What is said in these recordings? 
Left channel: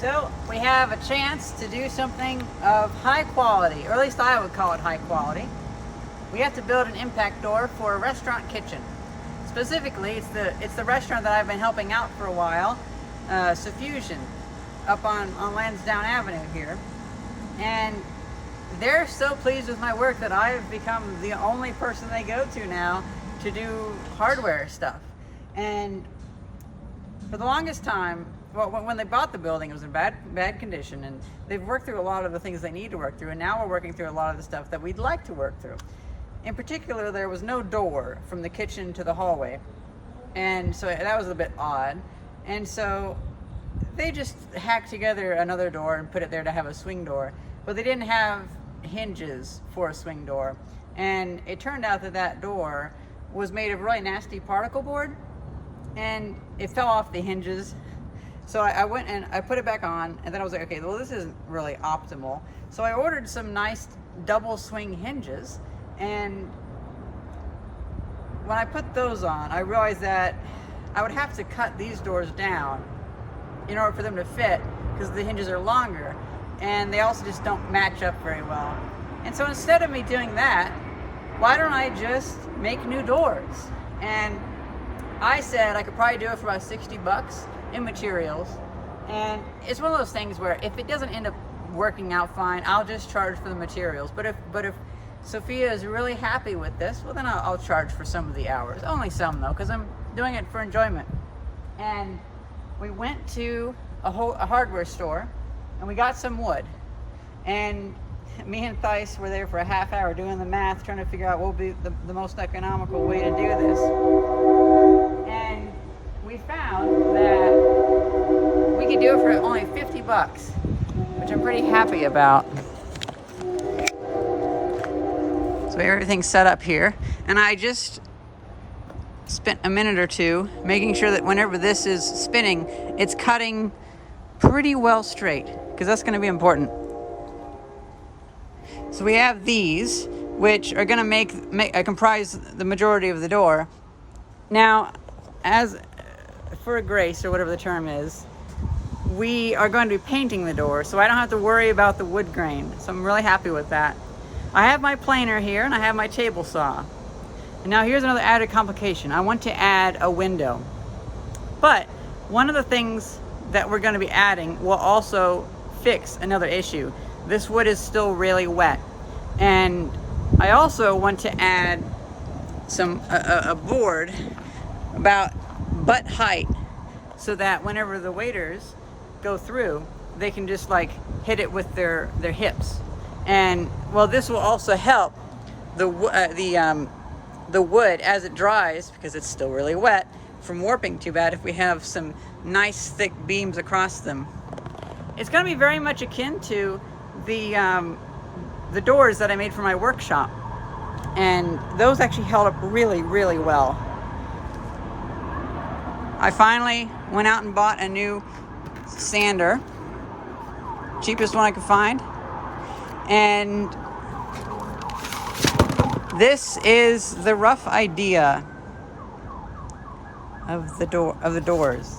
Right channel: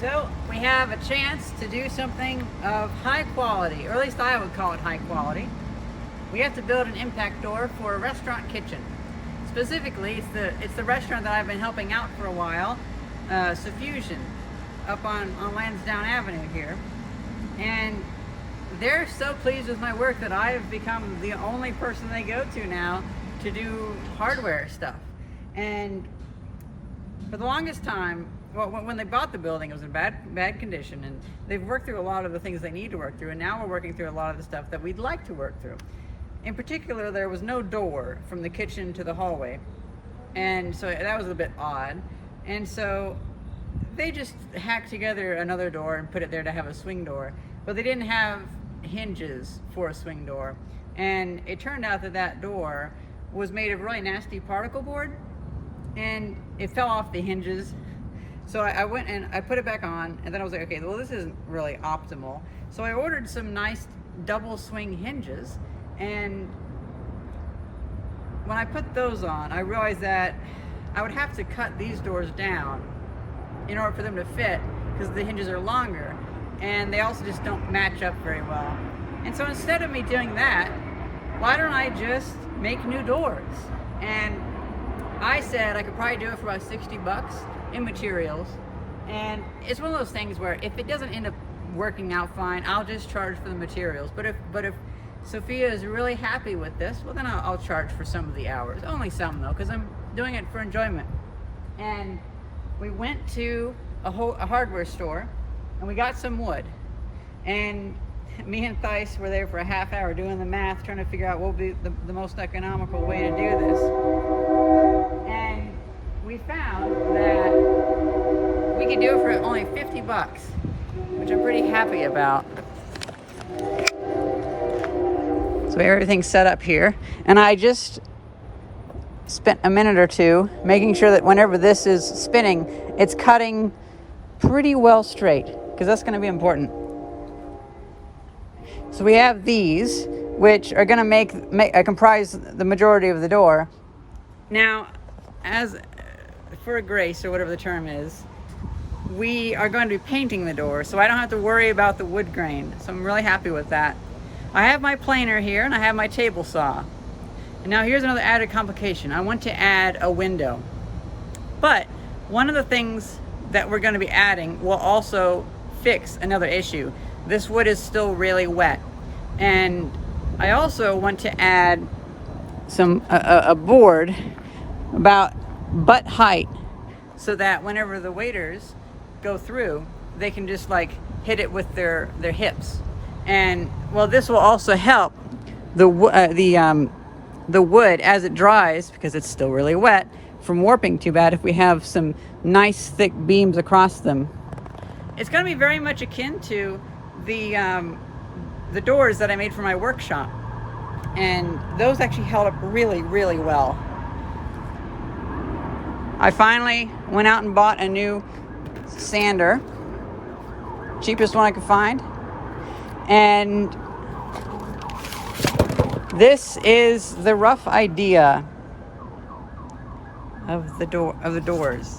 So we have a chance to do something of high quality, or at least I would call it high quality. We have to build an impact door for a restaurant kitchen. Specifically, it's the restaurant that I've been helping out for a while, Suffusion, up on Lansdowne Avenue here. And they're so pleased with my work that I've become the only person they go to now to do hardware stuff. And for the longest time, well, when they bought the building, it was in bad condition, and they've worked through a lot of the things they need to work through, and now we're working through a lot of the stuff that we'd like to work through. In particular, there was no door from the kitchen to the hallway, and so that was a bit odd. And so they just hacked together another door and put it there to have a swing door, but they didn't have hinges for a swing door. And it turned out that that door was made of really nasty particle board, and it fell off the hinges. So I went and I put it back on, and then I was like, okay, well, this isn't really optimal. So I ordered some nice double swing hinges, and when I put those on, I realized that I would have to cut these doors down in order for them to fit, because the hinges are longer, and they also just don't match up very well. And so instead of me doing that, why don't I just make new doors? And I said I could probably do it for about 60 bucks in materials. And it's one of those things where if it doesn't end up working out fine, I'll just charge for the materials. But if Sophia is really happy with this, well, then I'll charge for some of the hours. Only some, though, because I'm doing it for enjoyment. And we went to a hardware store, and we got some wood. And me and Theis were there for a half hour doing the math, trying to figure out what would be the most economical way to do this. And we found that we could do it for only 50 bucks, which I'm pretty happy about. So everything's set up here, and I just spent a minute or two making sure that whenever this is spinning, it's cutting pretty well straight, because that's going to be important. So we have these, which are going to comprise the majority of the door. Now, as for a grace, or whatever the term is, we are going to be painting the door, so I don't have to worry about the wood grain. So I'm really happy with that. I have my planer here, and I have my table saw. And now here's another added complication. I want to add a window. But one of the things that we're going to be adding will also fix another issue. This wood is still really wet. And I also want to add a board about butt height, so that whenever the waiters go through, they can just like hit it with their hips. And well, this will also help the wood as it dries, because it's still really wet, from warping too bad if we have some nice thick beams across them. It's going to be very much akin to the doors that I made for my workshop, and those actually held up really, really well. I finally went out and bought a new sander, cheapest one I could find, and this is the rough idea of the doors.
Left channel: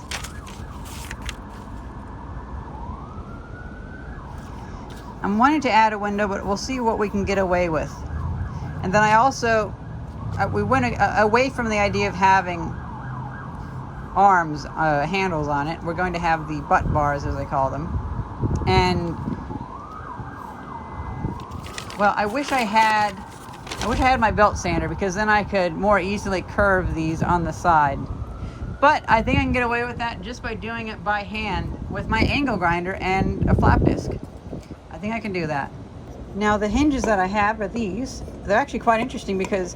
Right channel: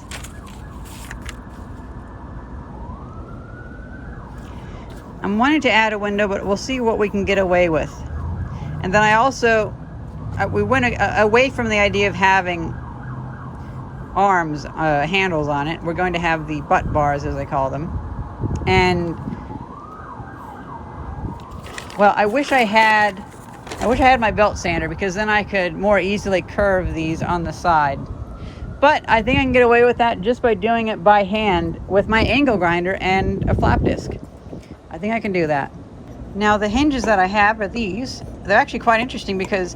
I'm wanting to add a window, but we'll see what we can get away with. And then I also we went away from the idea of having arms, handles on it. We're going to have the butt bars, as I call them. And well, I wish I had my belt sander, because then I could more easily curve these on the side. But I think I can get away with that just by doing it by hand with my angle grinder and a flap disc. I think I can do that. Now the hinges that I have are these. They're actually quite interesting because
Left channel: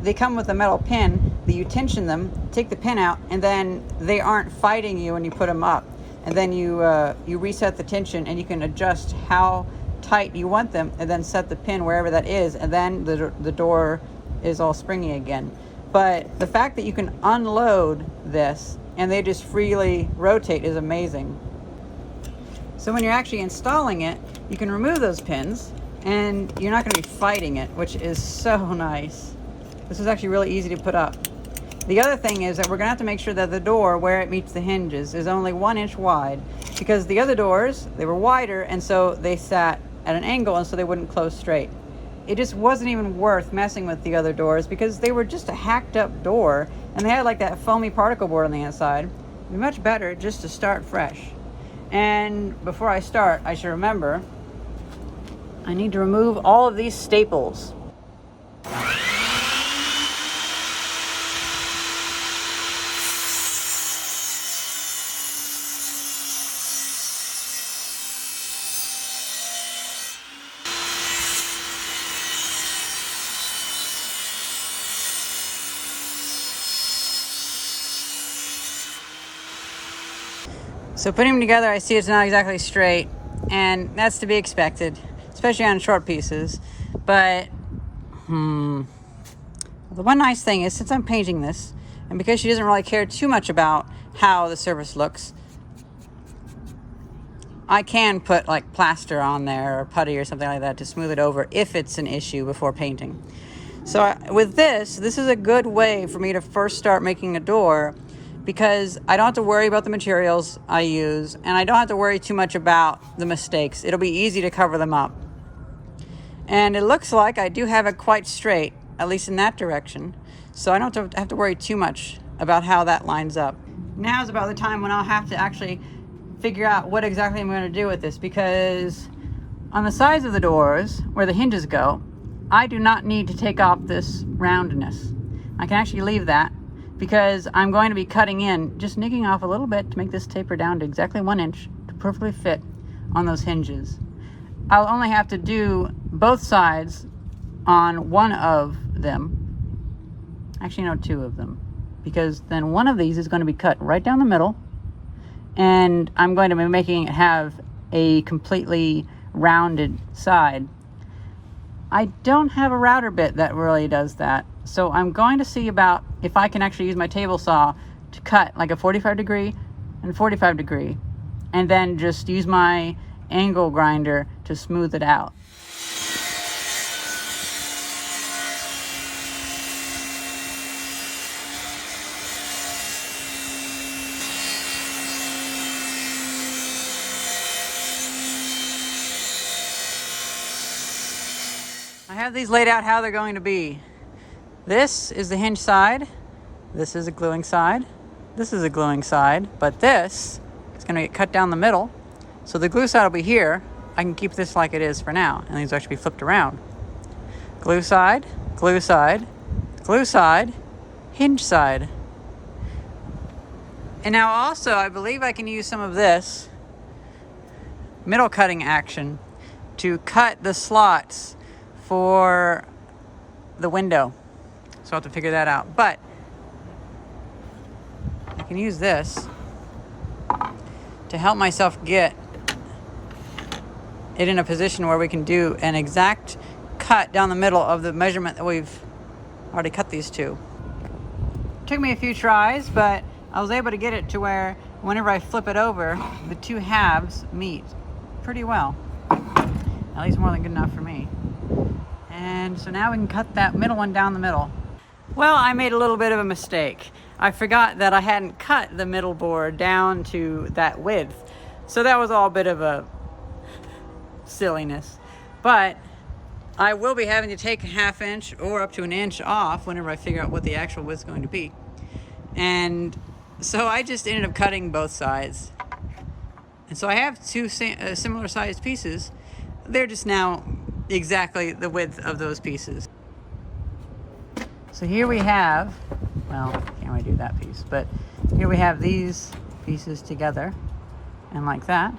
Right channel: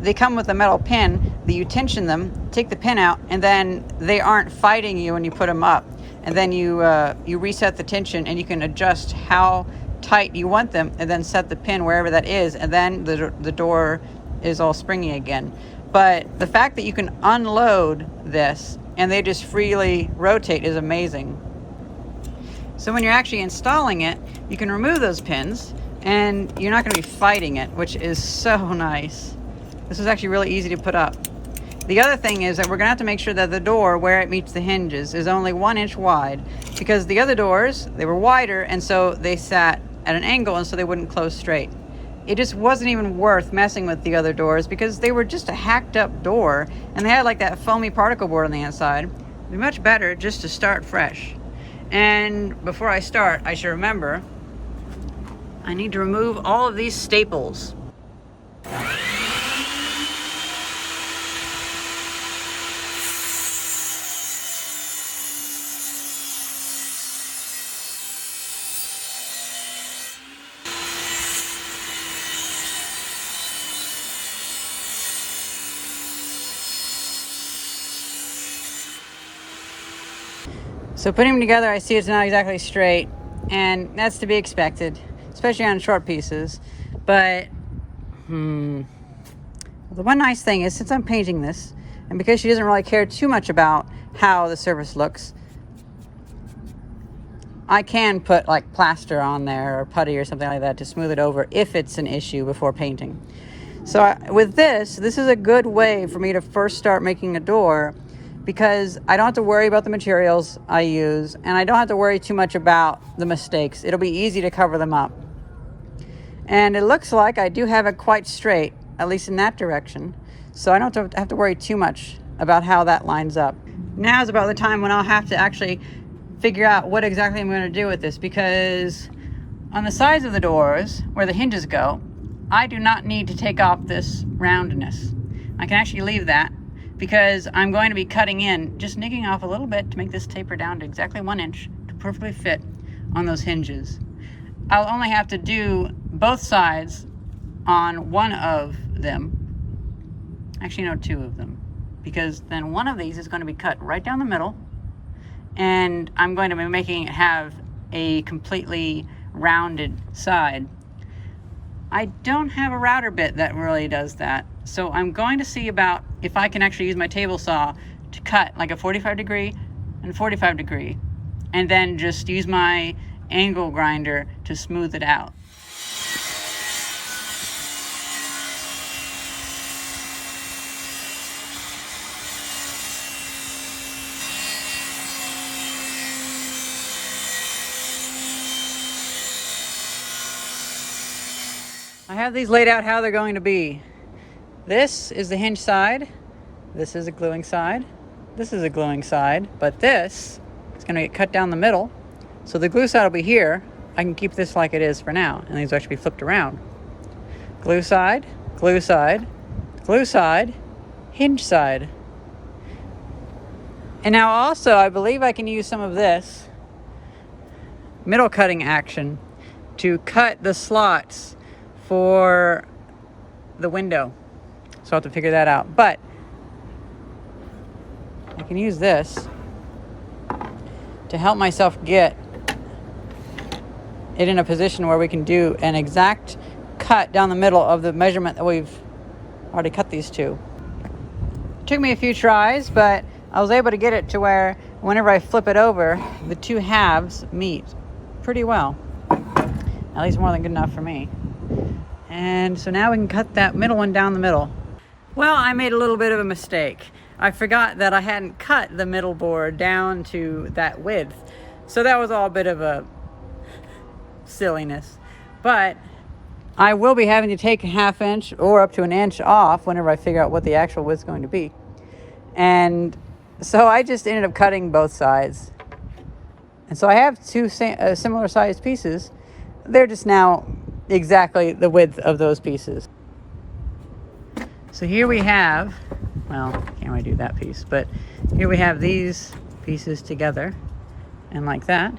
they come with a metal pin that you tension them, take the pin out, and then they aren't fighting you when you put them up. And then you reset the tension, and you can adjust how tight you want them, and then set the pin wherever that is, and then the door is all springy again. But the fact that you can unload this and they just freely rotate is amazing. So when you're actually installing it, you can remove those pins, and you're not going to be fighting it, which is so nice. This is actually really easy to put up. The other thing is that we're going to have to make sure that the door, where it meets the hinges, is only 1 inch wide, because the other doors, they were wider, and so they sat at an angle, and so they wouldn't close straight. It just wasn't even worth messing with the other doors because they were just a hacked up door, and they had like that foamy particle board on the inside. It'd be much better just to start fresh. And before I start, I should remember I need to remove all of these staples. So putting them together, I see it's not exactly straight, and that's to be expected, especially on short pieces. But the one nice thing is, since I'm painting this, and because she doesn't really care too much about how the surface looks, I can put like plaster on there or putty or something like that to smooth it over if it's an issue before painting. So with this is a good way for me to first start making a door, because I don't have to worry about the materials I use, and I don't have to worry too much about the mistakes. It'll be easy to cover them up. And it looks like I do have it quite straight, at least in that direction. So I don't have to worry too much about how that lines up. Now is about the time when I'll have to actually figure out what exactly I'm going to do with this, because on the sides of the doors, where the hinges go, I do not need to take off this roundness. I can actually leave that, because I'm going to be cutting in, just nicking off a little bit to make this taper down to exactly 1 inch to perfectly fit on those hinges. I'll only have to do both sides on one of them. Actually, no, 2 of them, because then one of these is going to be cut right down the middle, and I'm going to be making it have a completely rounded side. I don't have a router bit that really does that, so I'm going to see about if I can actually use my table saw to cut like a 45 degree and 45 degree, and then just use my angle grinder to smooth it out. I have these laid out how they're going to be. This is the hinge side, this is a gluing side, this is a gluing side, but this is going to get cut down the middle. So the glue side will be here. I can keep this like it is for now, and these will actually be flipped around. Glue side, glue side, glue side, hinge side. And now also, I believe I can use some of this middle cutting action to cut the slots for the window. So I'll have to figure that out. But I can use this to help myself get it in a position where we can do an exact cut down the middle of the measurement that we've already cut these to. It took me a few tries, but I was able to get it to where whenever I flip it over, the 2 halves meet pretty well. At least more than good enough for me. And so now we can cut that middle one down the middle. Well, I made a little bit of a mistake. I forgot that I hadn't cut the middle board down to that width. So that was all a bit of a silliness. But I will be having to take a 1/2 inch or up to 1 inch off whenever I figure out what the actual width's going to be. And so I just ended up cutting both sides. And so I have 2 similar sized pieces. They're just now exactly the width of those pieces. So here we have, well, can't really do that piece, but here we have these pieces together and like that.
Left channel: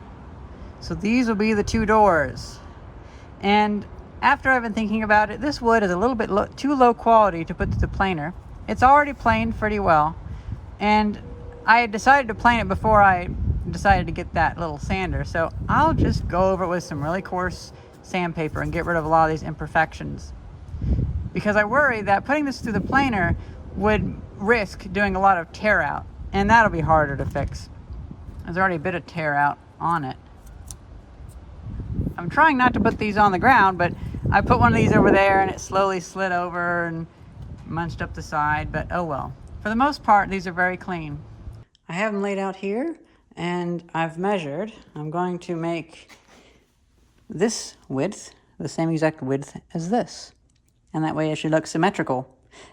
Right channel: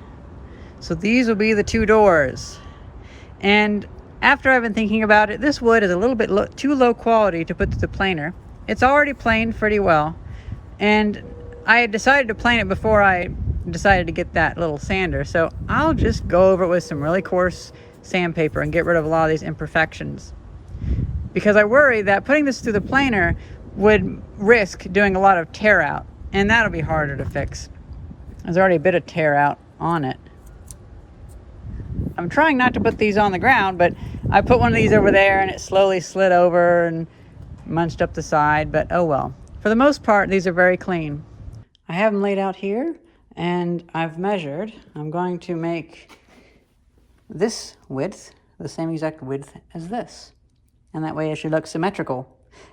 So these will be the 2 doors. And after I've been thinking about it, this wood is a little bit too low quality to put to the planer. It's already planed pretty well, and I had decided to plane it before I decided to get that little sander. So I'll just go over it with some really coarse sandpaper and get rid of a lot of these imperfections, because I worry that putting this through the planer would risk doing a lot of tear out, and that'll be harder to fix. There's already a bit of tear out on it. I'm trying not to put these on the ground, but I put one of these over there and it slowly slid over and munched up the side, but oh well. For the most part, these are very clean. I have them laid out here, and I've measured. I'm going to make this width the same exact width as this. And that way it should look symmetrical.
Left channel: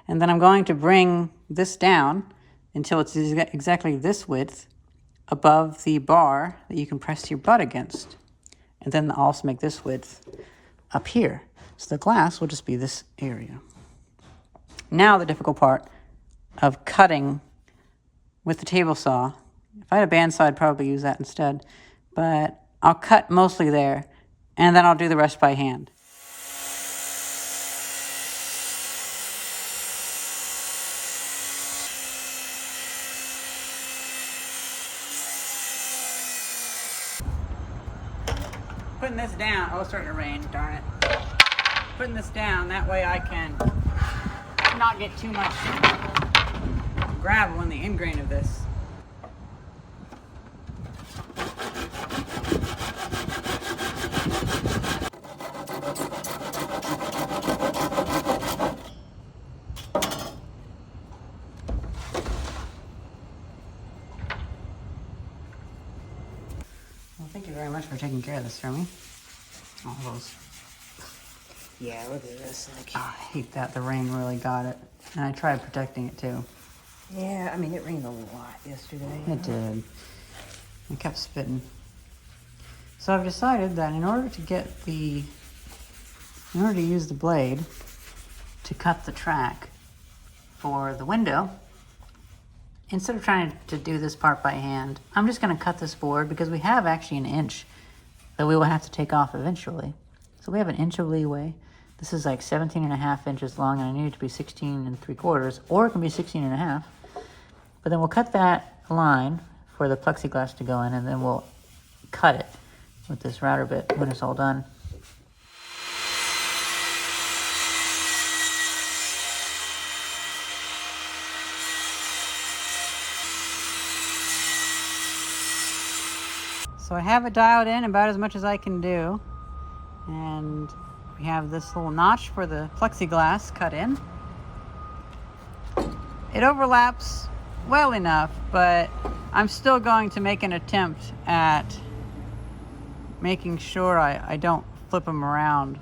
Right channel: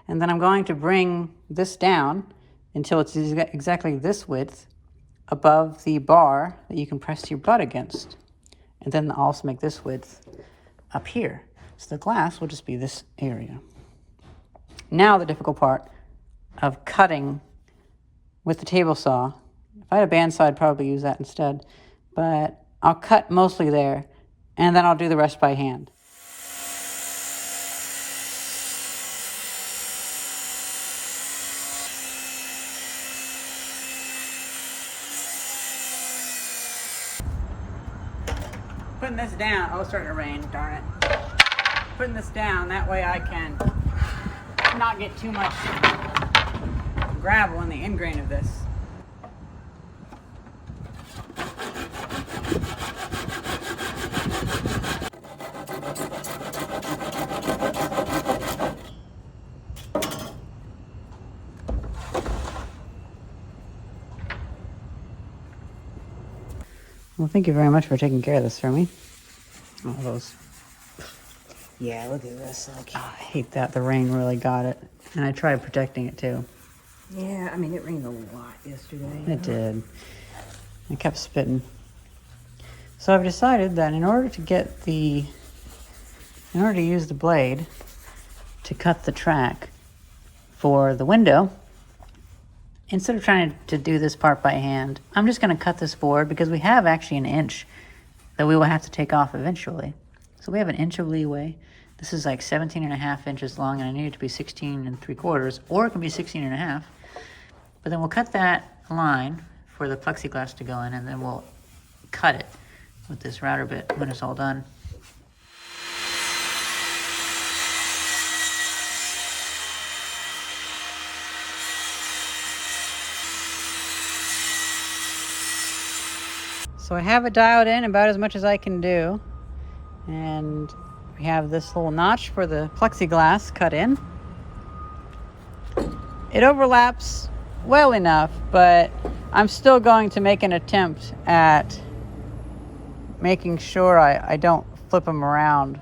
And then I'm going to bring this down until it's exactly this width above the bar that you can press your butt against. And then I'll also make this width up here. So the glass will just be this area. Now the difficult part of cutting with the table saw. If I had a bandsaw, I'd probably use that instead. But I'll cut mostly there, and then I'll do the rest by hand. Putting this down, oh, it's starting to rain, darn it. Putting this down, that way I can not get too much gravel in the end grain of this. Well, thank you very much for taking care of this for me. All those. Yeah, look at this. Oh, I hate that. The rain really got it. And I tried protecting it too. Yeah, I mean, it rained a lot yesterday. It did. It kept spitting. So I've decided that in order to use the blade to cut the track for the window, instead of trying to do this part by hand, I'm just going to cut this board because we have actually an inch that we will have to take off eventually. So we have an inch of leeway. This is like 17.5 inches long, and I need it to be 16 3/4, or it can be 16.5. But then we'll cut that line for the plexiglass to go in, and then we'll cut it with this router bit when it's all done. So I have it dialed in about as much as I can do. And we have this little notch for the plexiglass cut in. It overlaps well enough, but I'm still going to make an attempt at making sure I don't flip them around.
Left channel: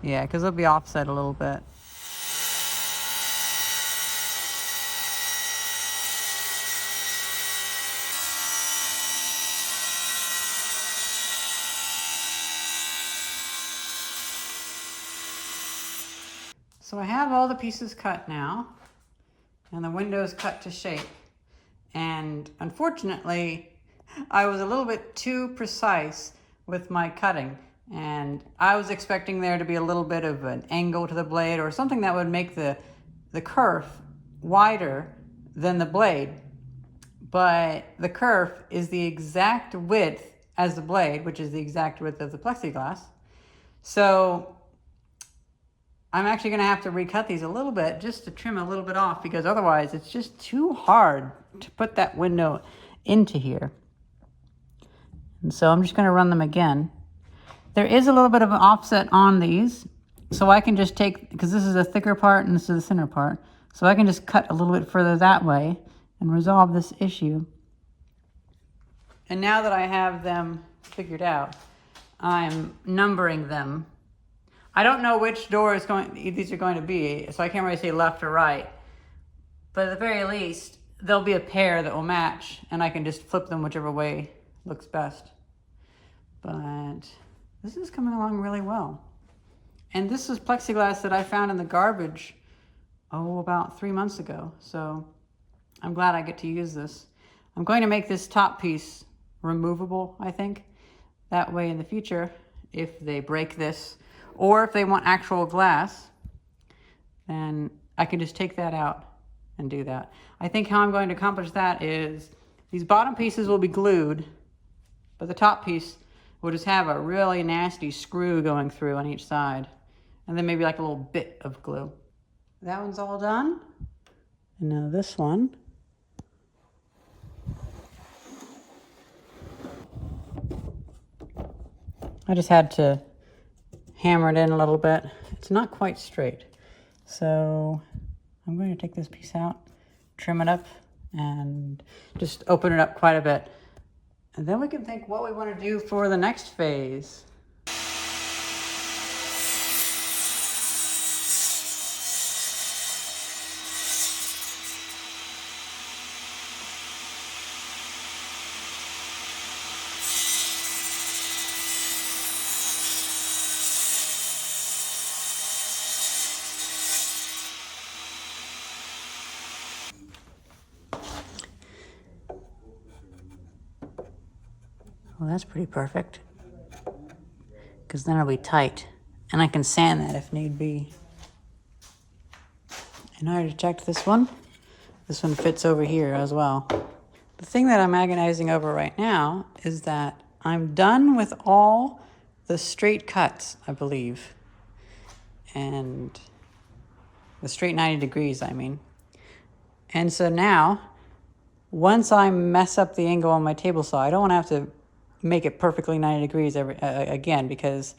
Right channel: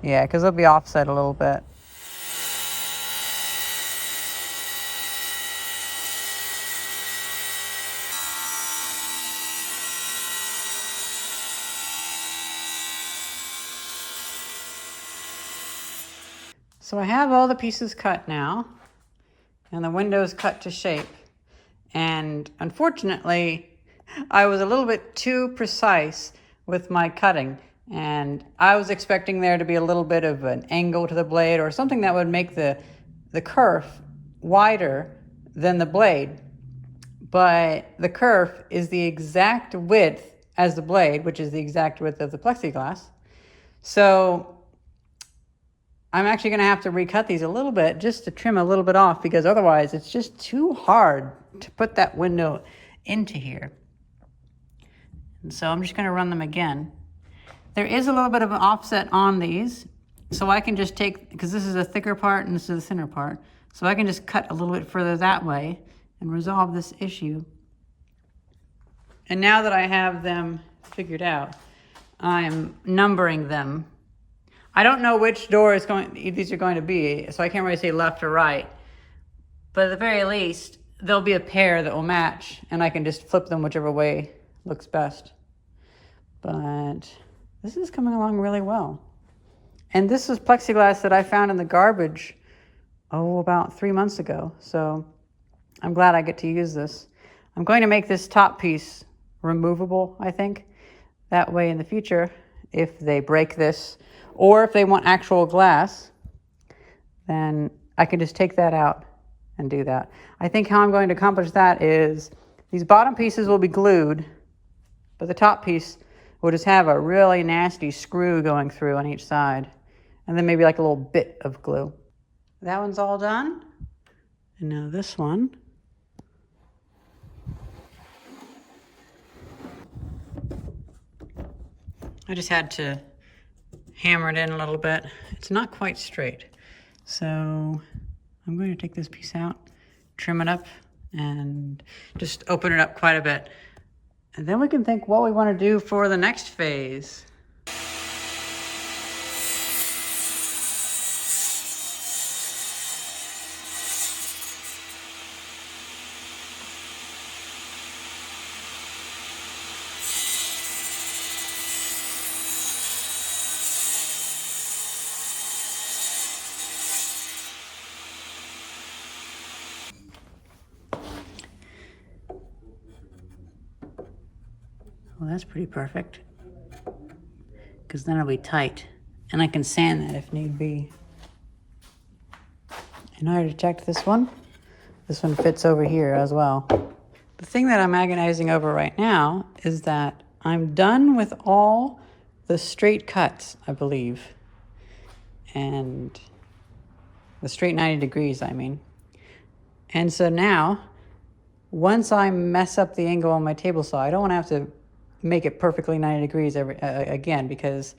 Yeah, because they'll be offset a little bit. So I have all the pieces cut now, and the window's cut to shape. And unfortunately, I was a little bit too precise with my cutting. And I was expecting there to be a little bit of an angle to the blade or something that would make the kerf wider than the blade. But the kerf is the exact width as the blade, which is the exact width of the plexiglass. So I'm actually going to have to recut these a little bit just to trim a little bit off, because otherwise it's just too hard to put that window into here. And so I'm just going to run them again. There is a little bit of an offset on these, so I can just take, because this is a thicker part and this is the thinner part, so I can just cut a little bit further that way and resolve this issue. And now that I have them figured out, I'm numbering them. I don't know which door these are going to be, so I can't really say left or right. But at the very least, there'll be a pair that will match, and I can just flip them whichever way looks best. But this is coming along really well. And this was plexiglass that I found in the garbage, about 3 months ago. So I'm glad I get to use this. I'm going to make this top piece removable, I think. That way in the future, if they break this, or if they want actual glass, then I can just take that out and do that. I think how I'm going to accomplish that is these bottom pieces will be glued, but the top piece will just have a really nasty screw going through on each side, and then maybe like a little bit of glue. That one's all done. And now this one. I just had to hammer it in a little bit. It's not quite straight. So I'm going to take this piece out, trim it up, and just open it up quite a bit. And then we can think what we want to do for the next phase. Well, that's pretty perfect, because then it'll be tight, and I can sand that if need be. And I already checked this one. This one fits over here as well. The thing that I'm agonizing over right now is that I'm done with all the straight cuts, I believe, and the straight 90 degrees, I mean. And so now, once I mess up the angle on my table saw, I don't want to have to make it perfectly 90 degrees again, because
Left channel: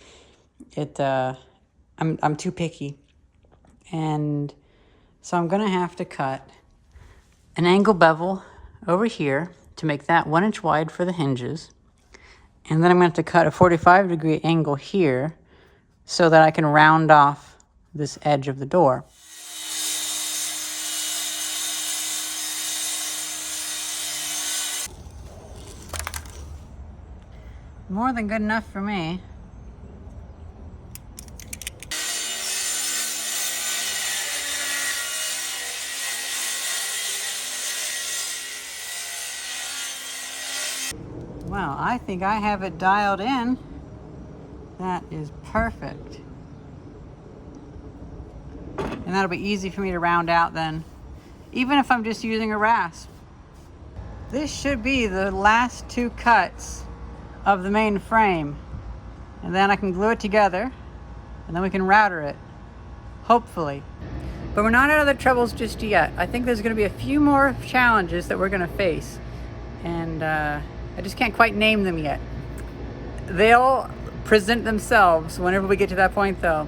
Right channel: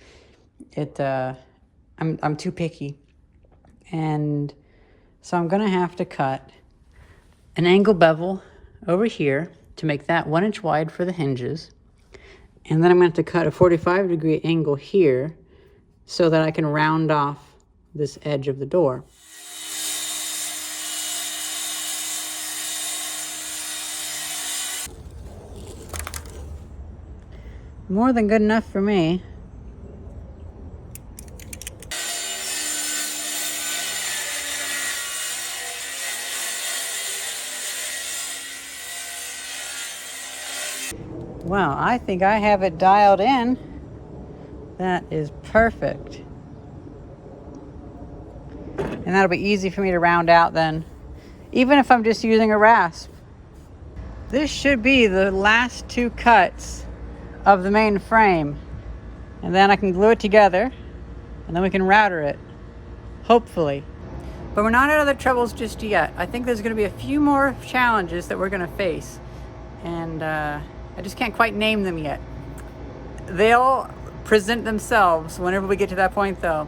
I'm too picky. And so I'm gonna have to cut an angle bevel over here to make that 1 inch wide for the hinges. And then I'm gonna have to cut a 45-degree angle here so that I can round off this edge of the door. More than good enough for me. Wow, I think I have it dialed in. That is perfect. And that'll be easy for me to round out then, even if I'm just using a rasp. This should be the last 2 cuts of the main frame, and then I can glue it together, and then we can router it, hopefully. But we're not out of the troubles just yet. I think there's going to be a few more challenges that we're going to face, and I just can't quite name them yet. They'll present themselves whenever we get to that point, though.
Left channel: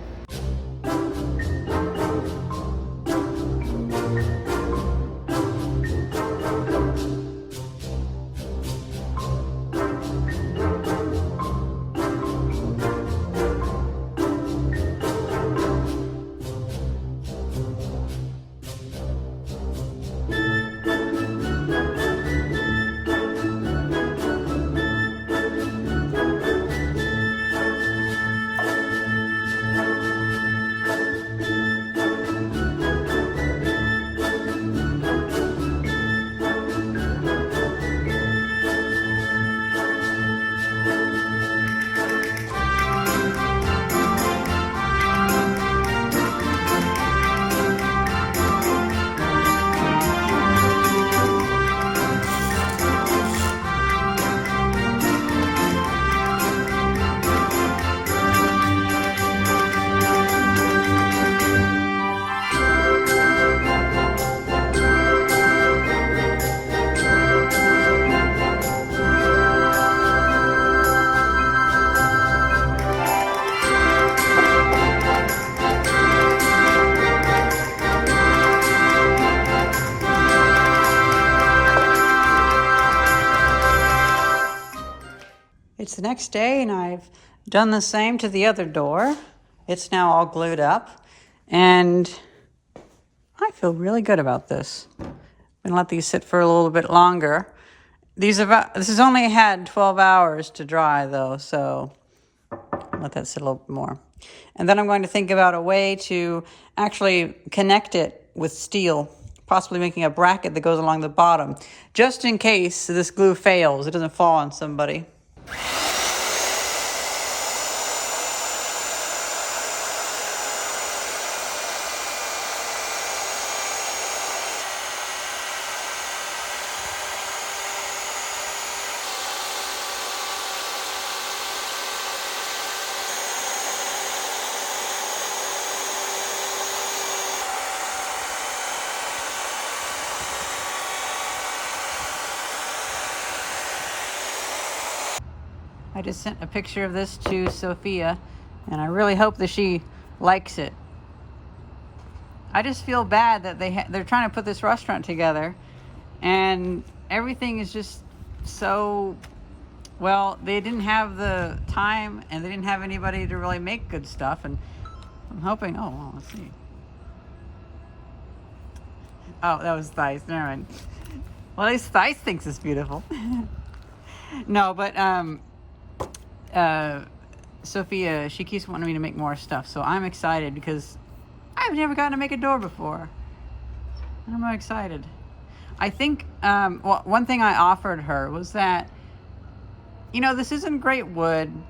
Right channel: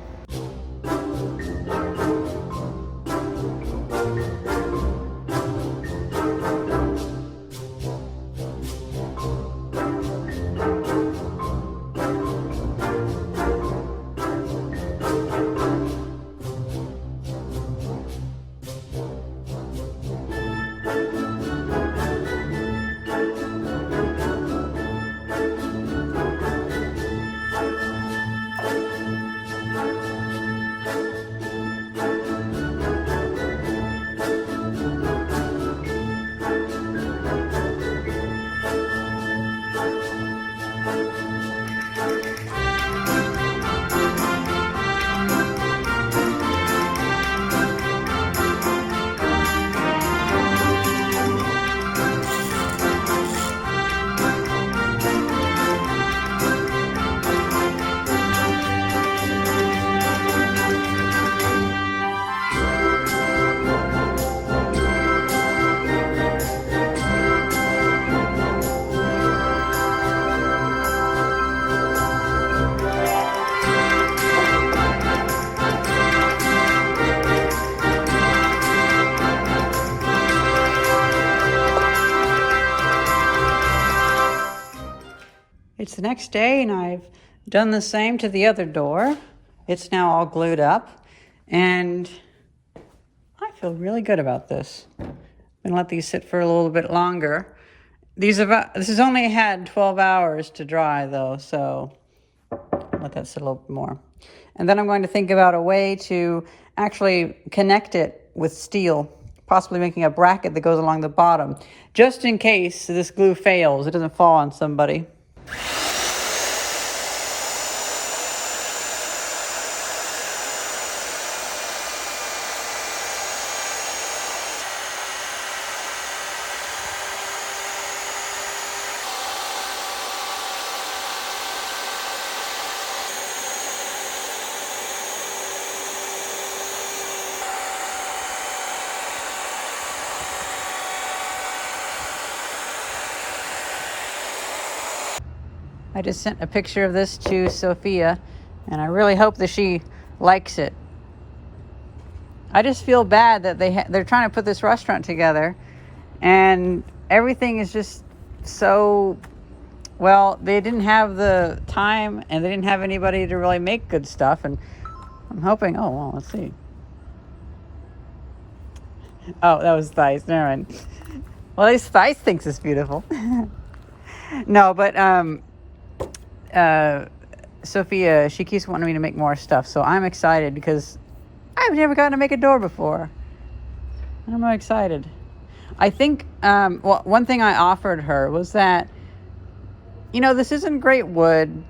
It's the next day, and I've done the same to the other door. It's now all glued up, and I feel really good about this. I'm gonna let these sit for a little bit longer. This has only had 12 hours to dry though, so let that sit a little bit more. And then I'm going to think about a way to actually connect it with steel, possibly making a bracket that goes along the bottom, just in case this glue fails, it doesn't fall on somebody. I just sent a picture of this to Sophia, and I really hope that she likes it. I just feel bad that they're trying to put this restaurant together, and everything is just so Well, they didn't have the time and they didn't have anybody to really make good stuff. And I'm hoping, oh, well, let's see. Oh, that was Thais. Never mind. Well, at least Thais thinks it's beautiful. No, but Sophia, she keeps wanting me to make more stuff. So I'm excited because I've never gotten to make a door before. And I'm excited. I think one thing I offered her was that, this isn't great wood,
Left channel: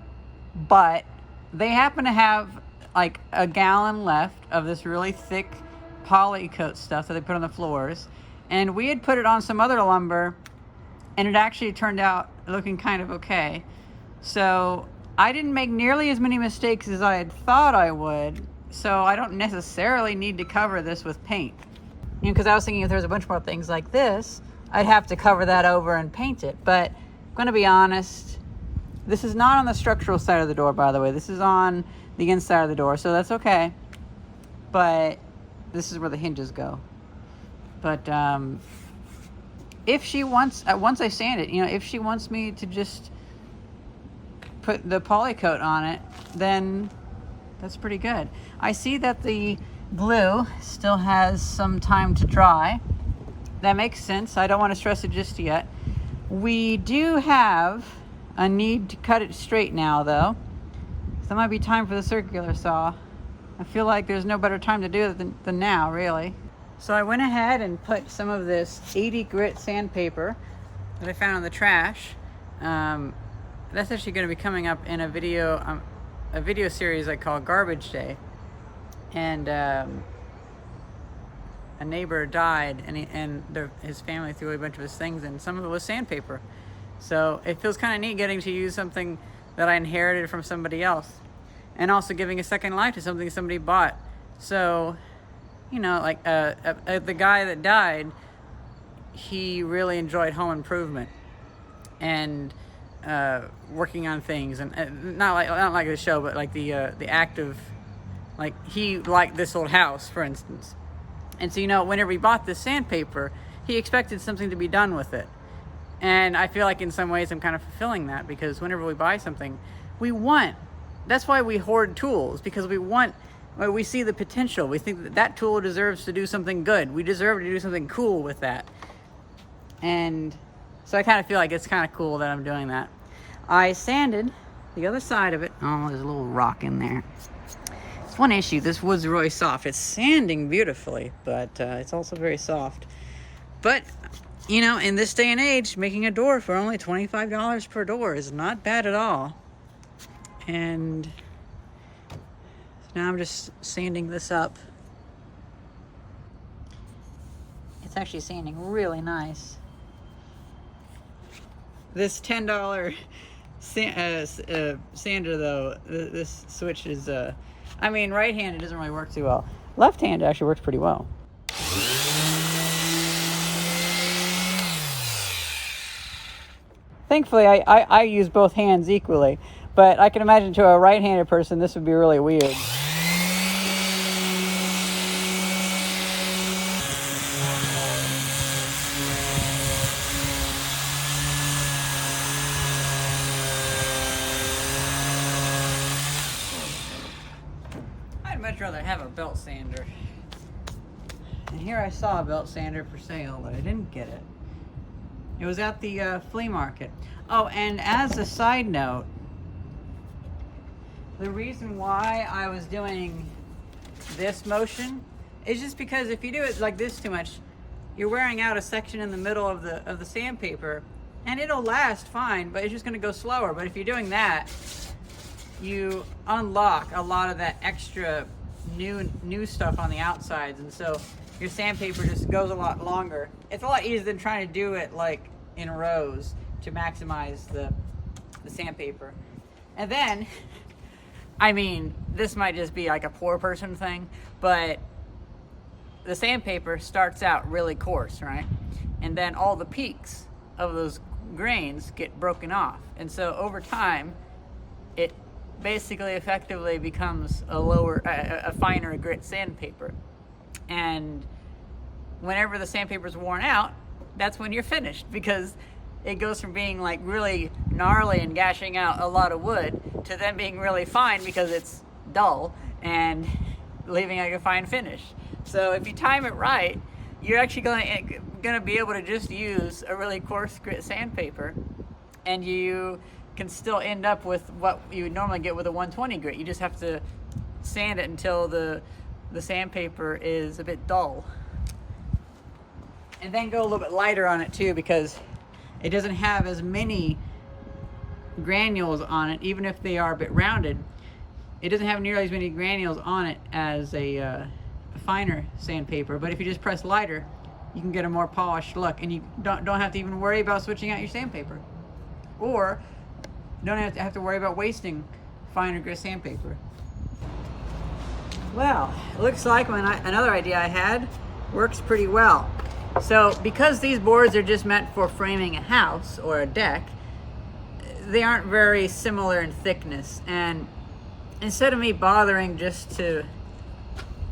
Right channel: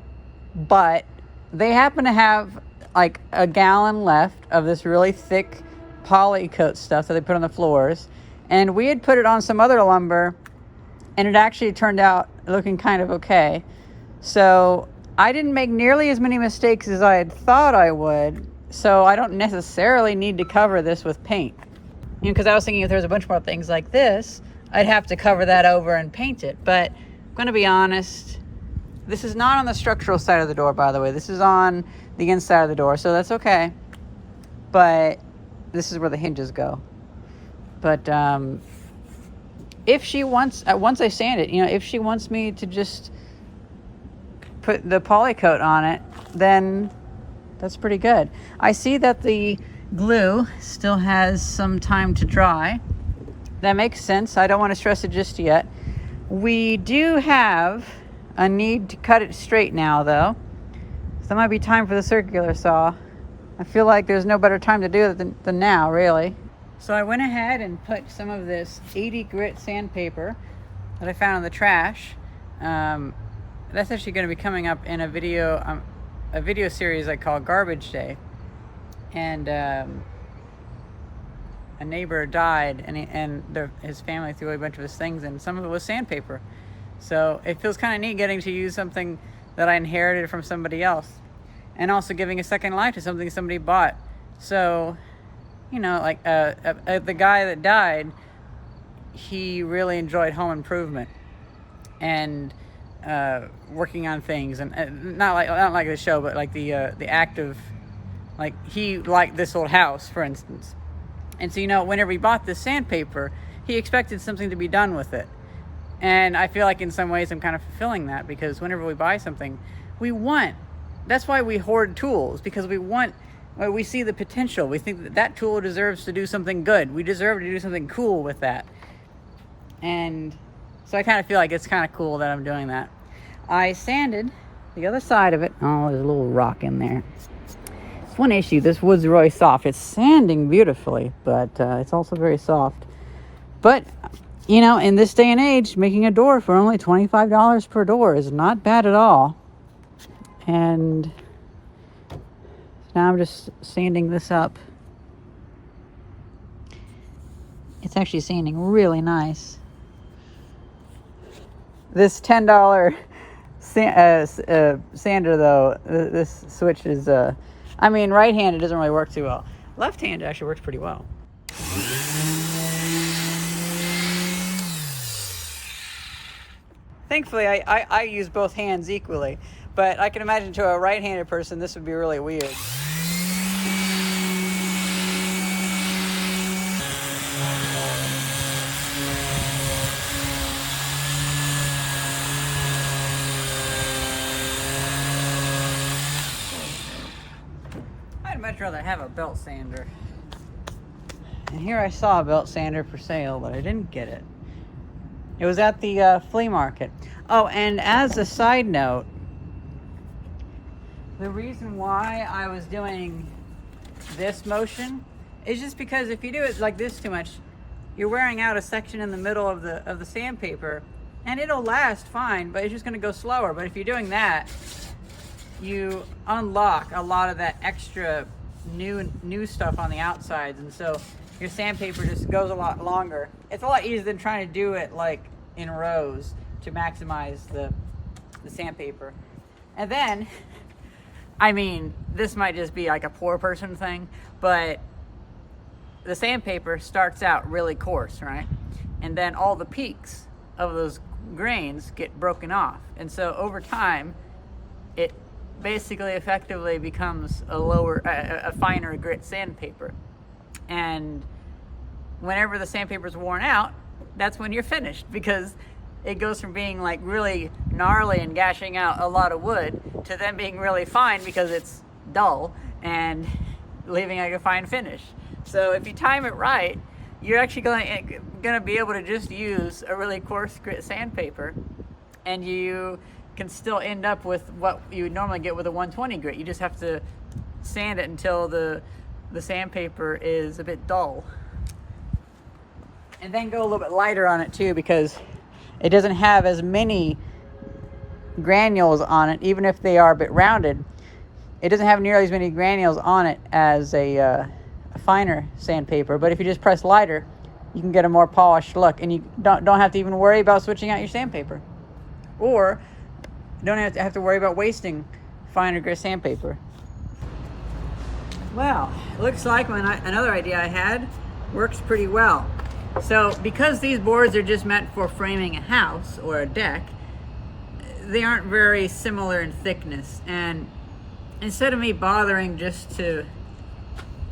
but they happen to have like a gallon left of this really thick poly coat stuff that they put on the floors. And we had put it on some other lumber, and it actually turned out looking kind of okay. So I didn't make nearly as many mistakes as I had thought I would. So I don't necessarily need to cover this with paint. Because I was thinking if there's a bunch more things like this, I'd have to cover that over and paint it. But I'm going to be honest, this is not on the structural side of the door, by the way. This is on the inside of the door, so that's okay. But this is where the hinges go. But if she wants, once I sand it, if she wants me to just put the poly coat on it, then that's pretty good. I see that the glue still has some time to dry. That makes sense. I don't want to stress it just yet. We do have a need to cut it straight now, though. So that might be time for the circular saw. I feel like there's no better time to do it than now, really. So I went ahead and put some of this 80 grit sandpaper that I found in the trash. That's actually going to be coming up in a video series I call Garbage Day. And a neighbor died, and his family threw a bunch of his things in. Some of it was sandpaper. So it feels kind of neat getting to use something that I inherited from somebody else, and also giving a second life to something somebody bought. So, like the guy that died, he really enjoyed home improvement and working on things, and not like the show, but like the act of, like, he liked this old house, for instance. And so, whenever he bought this sandpaper, he expected something to be done with it. And I feel like in some ways I'm kind of fulfilling that, because whenever we buy something, that's why we hoard tools, because we see the potential. We think that tool deserves to do something good. We deserve to do something cool with that. And so I kind of feel like it's kind of cool that I'm doing that. I sanded the other side of it. Oh, there's a little rock in there. It's one issue. This wood's really soft. It's sanding beautifully, but it's also very soft. But, in this day and age, making a door for only $25 per door is not bad at all. And now I'm just sanding this up. It's actually sanding really nice. This $10 sander, though, this switch is, right-handed doesn't really work too well. Left-handed actually works pretty well. Thankfully, I use both hands equally, but I can imagine to a right-handed person this would be really weird. I'd much rather have a belt sander. And here I saw a belt sander for sale, but I didn't get it. It was at the flea market. Oh, and as a side note, the reason why I was doing this motion is just because if you do it like this too much, you're wearing out a section in the middle of the sandpaper, and it'll last fine, but it's just going to go slower. But if you're doing that, you unlock a lot of that extra new stuff on the outsides, and so your sandpaper just goes a lot longer. It's a lot easier than trying to do it like in rows to maximize the sandpaper. And then, this might just be like a poor person thing, but the sandpaper starts out really coarse, right? And then all the peaks of those grains get broken off. And so over time, it basically effectively becomes a finer grit sandpaper. And whenever the sandpaper's worn out, that's when you're finished, because it goes from being like really gnarly and gashing out a lot of wood to them being really fine because it's dull and leaving like a fine finish. So if you time it right, you're actually going to be able to just use a really coarse grit sandpaper, and you can still end up with what you would normally get with a 120 grit. You just have to sand it until the sandpaper is a bit dull. And then go a little bit lighter on it too, because it doesn't have as many granules on it, even if they are a bit rounded. It doesn't have nearly as many granules on it as a finer sandpaper. But if you just press lighter, you can get a more polished look, and you don't have to even worry about switching out your sandpaper, or don't have to worry about wasting finer grit sandpaper. Well, it looks like another idea I had works pretty well. So because these boards are just meant for framing a house or a deck, they aren't very similar in thickness. And instead of me bothering just to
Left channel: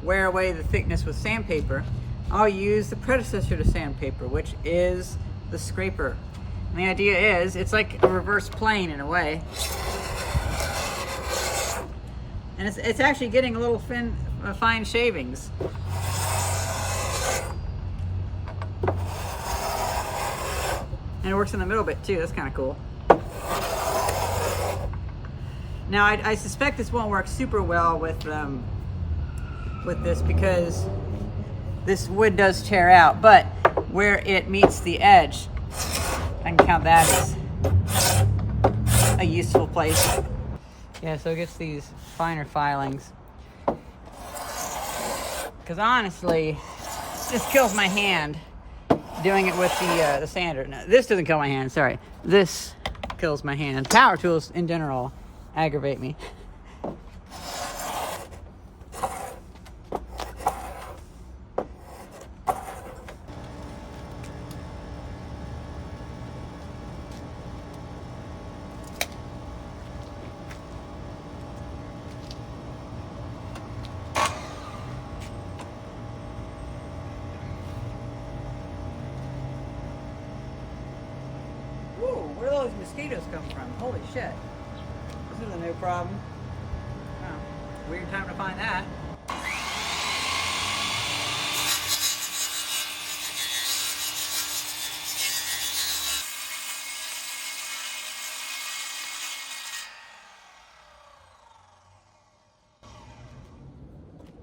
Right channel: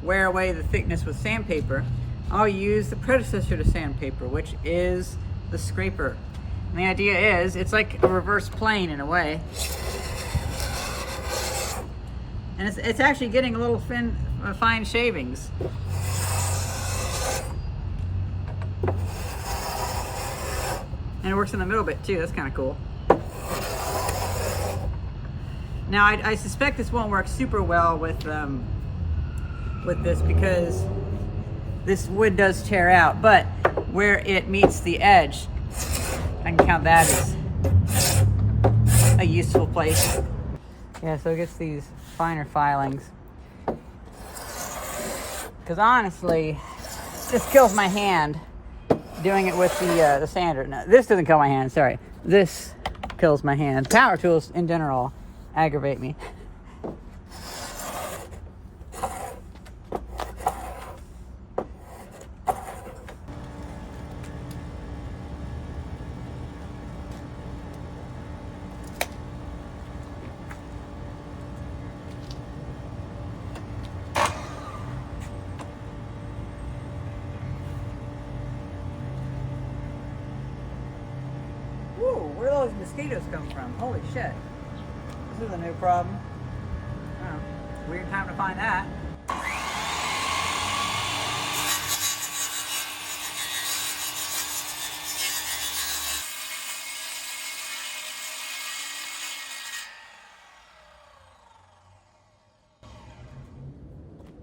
wear away the thickness with sandpaper, I'll use the predecessor to sandpaper, which is the scraper. And the idea is, it's like a reverse plane in a way. And it's actually getting a little fine shavings. And it works in the middle bit too. That's kind of cool. Now I suspect this won't work super well with this, because this wood does tear out, but where it meets the edge, I can count that as a useful place. Yeah, so it gets these finer filings. Because honestly, it just kills my hand doing it with the sander. No, this doesn't kill my hand, sorry. This kills my hand. Power tools in general aggravate me. Where do those mosquitoes come from? Holy shit. This is a new problem. Oh, weird time to find that.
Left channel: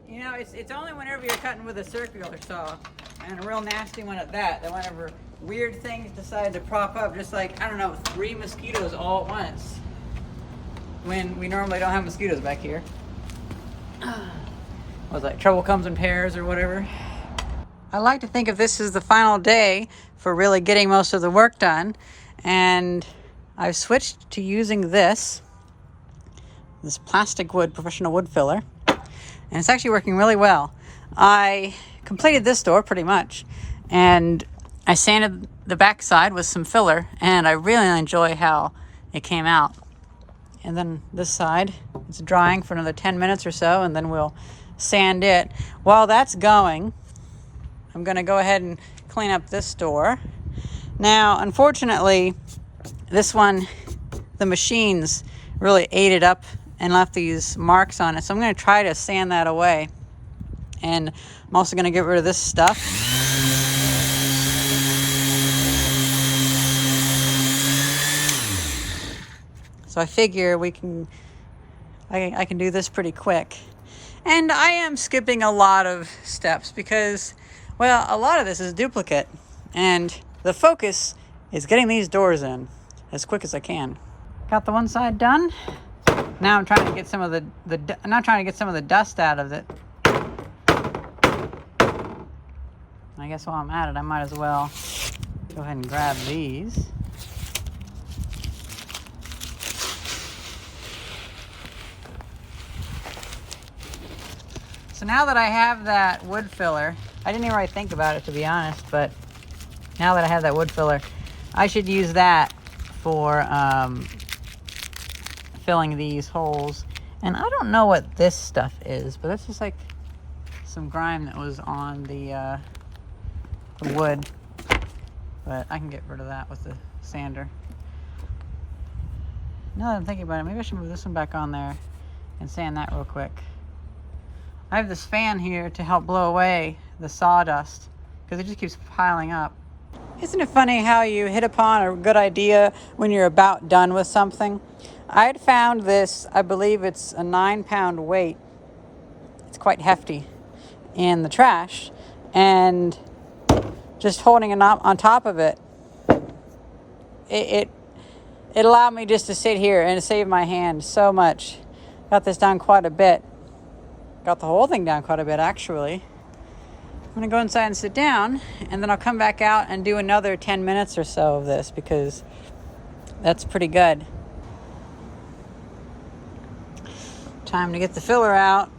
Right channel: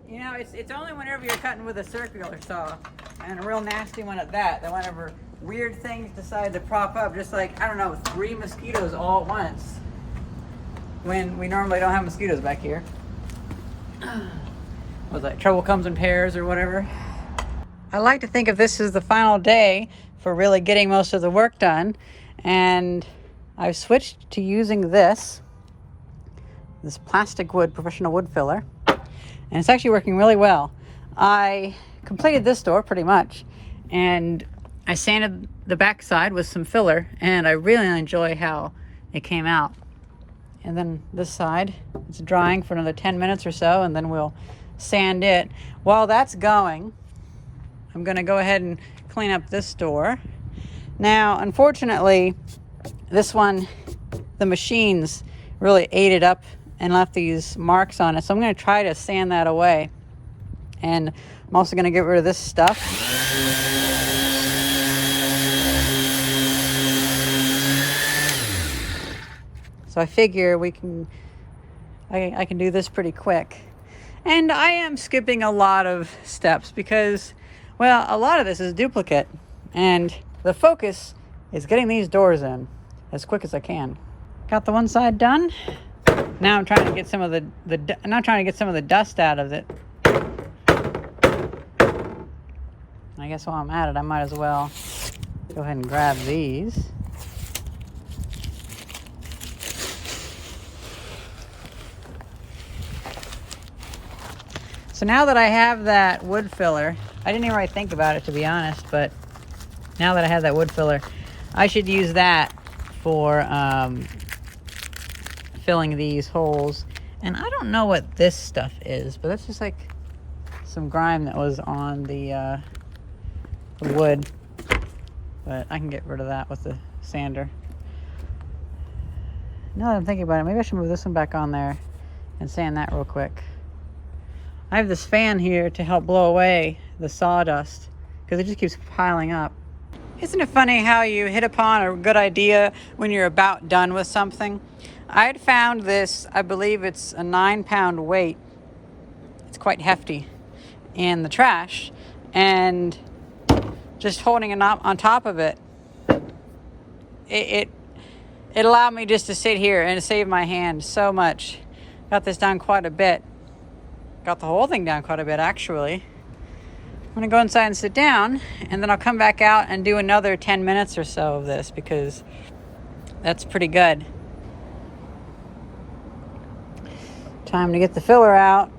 You know, it's only whenever you're cutting with a circular saw, and a real nasty one at that whenever weird things decide to prop up, just like, I don't know, 3 mosquitoes all at once, when we normally don't have mosquitoes back here. Was that trouble comes in pairs or whatever? I like to think of this as the final day for really getting most of the work done, and I've switched to using this plastic wood professional wood filler, and it's actually working really well. I completed this door pretty much, and I sanded the backside with some filler, and I really enjoy how it came out. And then this side, it's drying for another 10 minutes or so, and then we'll sand it. While that's going, I'm gonna go ahead and clean up this door. Now, unfortunately, this one, the machines really ate it up and left these marks on it. So I'm gonna try to sand that away. And I'm also gonna get rid of this stuff. So I figure I can do this pretty quick. And I am skipping a lot of steps because, well, a lot of this is duplicate. And the focus is getting these doors in as quick as I can. Got the one side done. Now I'm trying to get some of the dust out of it. I guess while I'm at it, I might as well go ahead and grab these. So now that I have that wood filler, I didn't even really think about it, to be honest, but now that I have that wood filler, I should use that for filling these holes. And I don't know what this stuff is, but that's just like some grime that was on the wood. But I can get rid of that with the sander. Now that I'm thinking about it, maybe I should move this one back on there and sand that real quick. I have this fan here to help blow away the sawdust because it just keeps piling up. Isn't it funny how you hit upon a good idea when you're about done with something? I had found this, I believe it's a 9-pound weight. It's quite hefty in the trash. And just holding it on top of it, it allowed me just to sit here and save my hand so much. Got this down quite a bit. Got the whole thing down quite a bit, actually. I'm gonna go inside and sit down, and then I'll come back out and do another 10 minutes or so of this because that's pretty good. Time to get the filler out.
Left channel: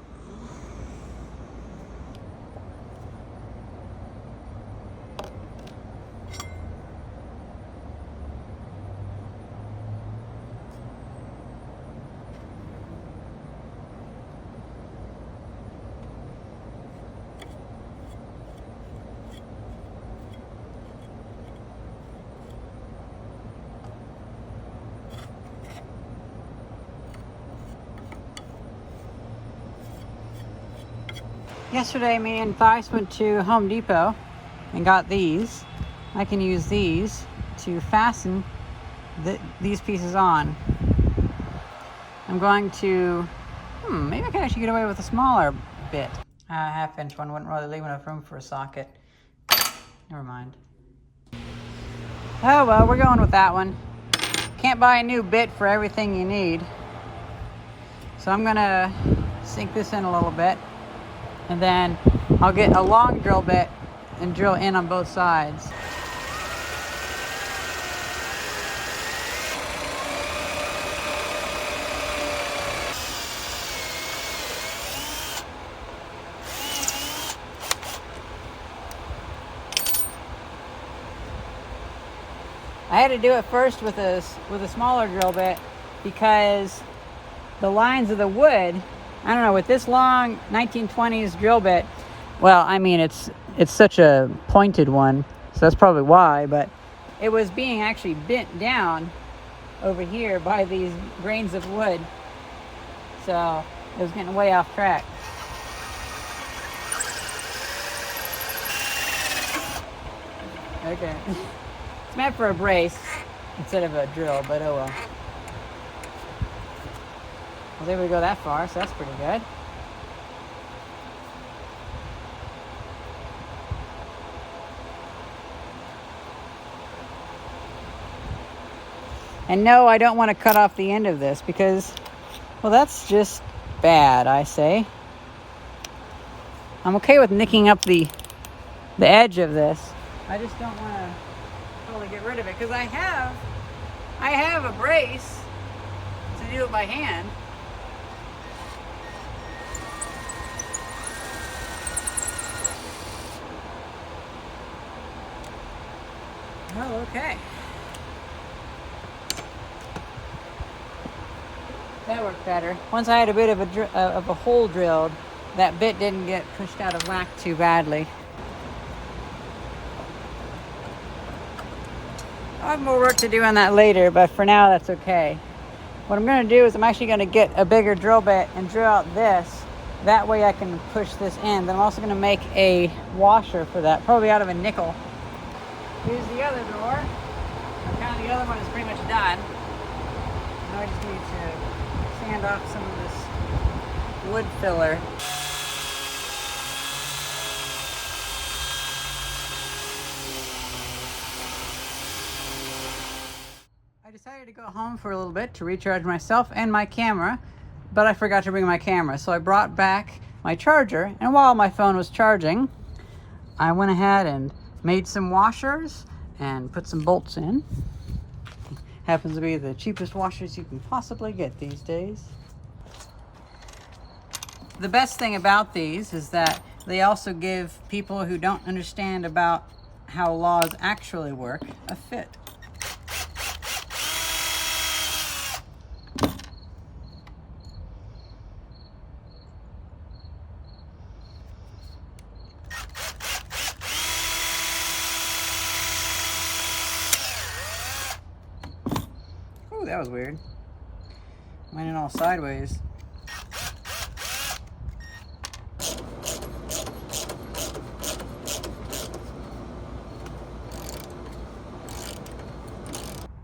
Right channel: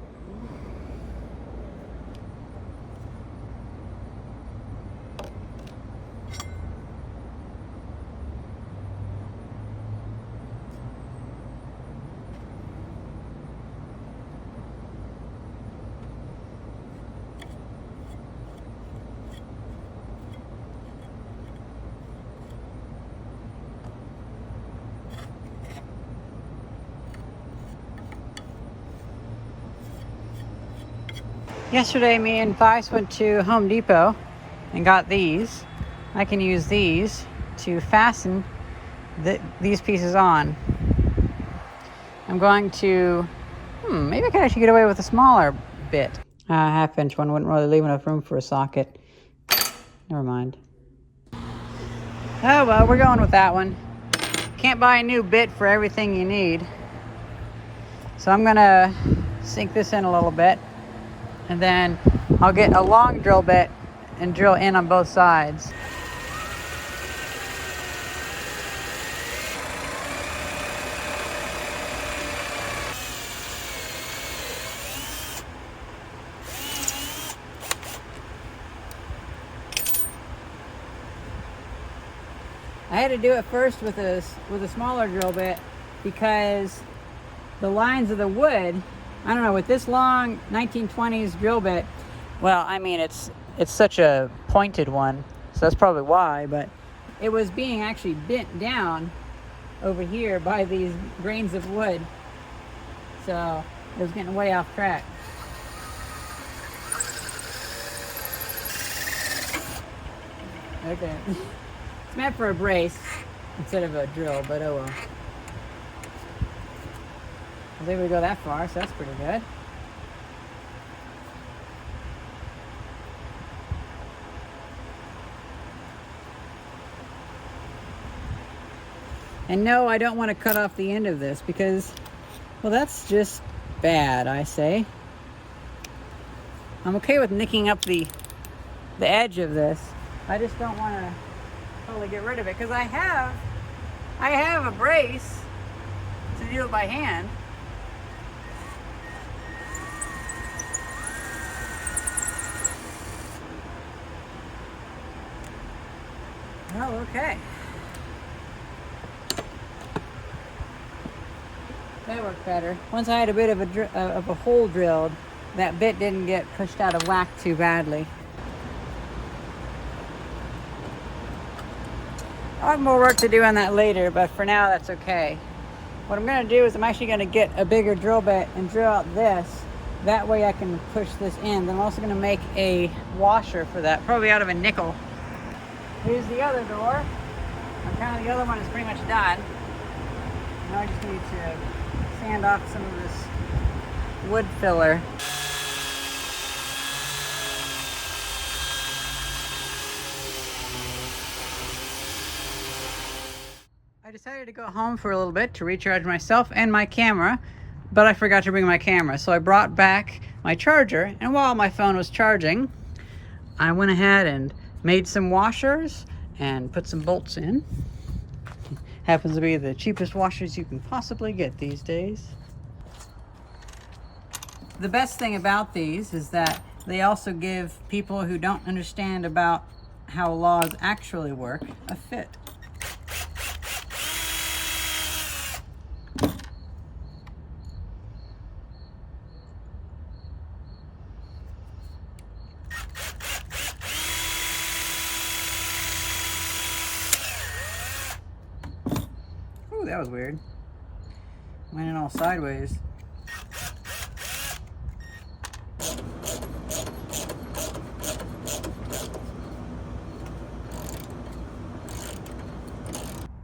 Yesterday, me and Thais went to Home Depot and got these. I can use these to fasten these pieces on. I'm going to, maybe I can actually get away with a smaller bit. A 1/2-inch one wouldn't really leave enough room for a socket. Never mind. Oh well, we're going with that one. Can't buy a new bit for everything you need. So I'm gonna sink this in a little bit. And then I'll get a long drill bit and drill in on both sides. I had to do it first with a smaller drill bit because the lines of the wood, I don't know, with this long 1920s drill bit, well, I mean, it's such a pointed one, so that's probably why, but it was being actually bent down over here by these grains of wood, so it was getting way off track. Okay, it's meant for a brace instead of a drill, but oh well. Well, they would go that far, so that's pretty good. And no, I don't want to cut off the end of this because, well, that's just bad, I say. I'm okay with nicking up the edge of this. I just don't want to totally get rid of it because I have a brace to do it by hand. Well, okay. That worked better. Once I had a bit of a hole drilled, that bit didn't get pushed out of whack too badly. I'll have more work to do on that later, but for now that's okay. What I'm going to do is I'm actually going to get a bigger drill bit and drill out this. That way I can push this in. Then I'm also going to make a washer for that, probably out of a nickel. Here's the other door. Kind of the other one is pretty much done. Now I just need to sand off some of this wood filler. I decided to go home for a little bit to recharge myself and my camera, but I forgot to bring my camera. So I brought back my charger, and while my phone was charging, I went ahead and made some washers and put some bolts in. Happens to be the cheapest washers you can possibly get these days. The best thing about these is that they also give people who don't understand about how laws actually work a fit. That was weird. Went in all sideways.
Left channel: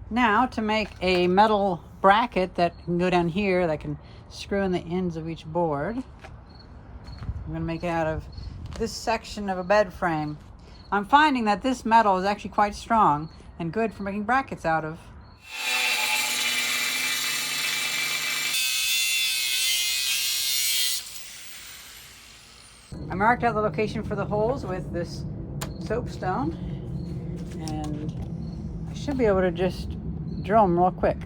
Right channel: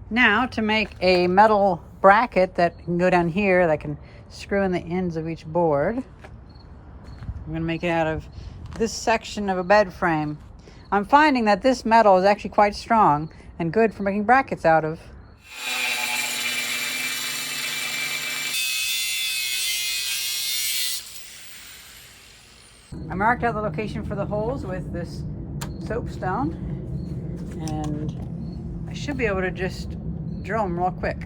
Now to make a metal bracket that can go down here that can screw in the ends of each board. I'm going to make it out of this section of a bed frame. I'm finding that this metal is actually quite strong and good for making brackets out of. I marked out the location for the holes with this soapstone, and I should be able to just drill them real quick.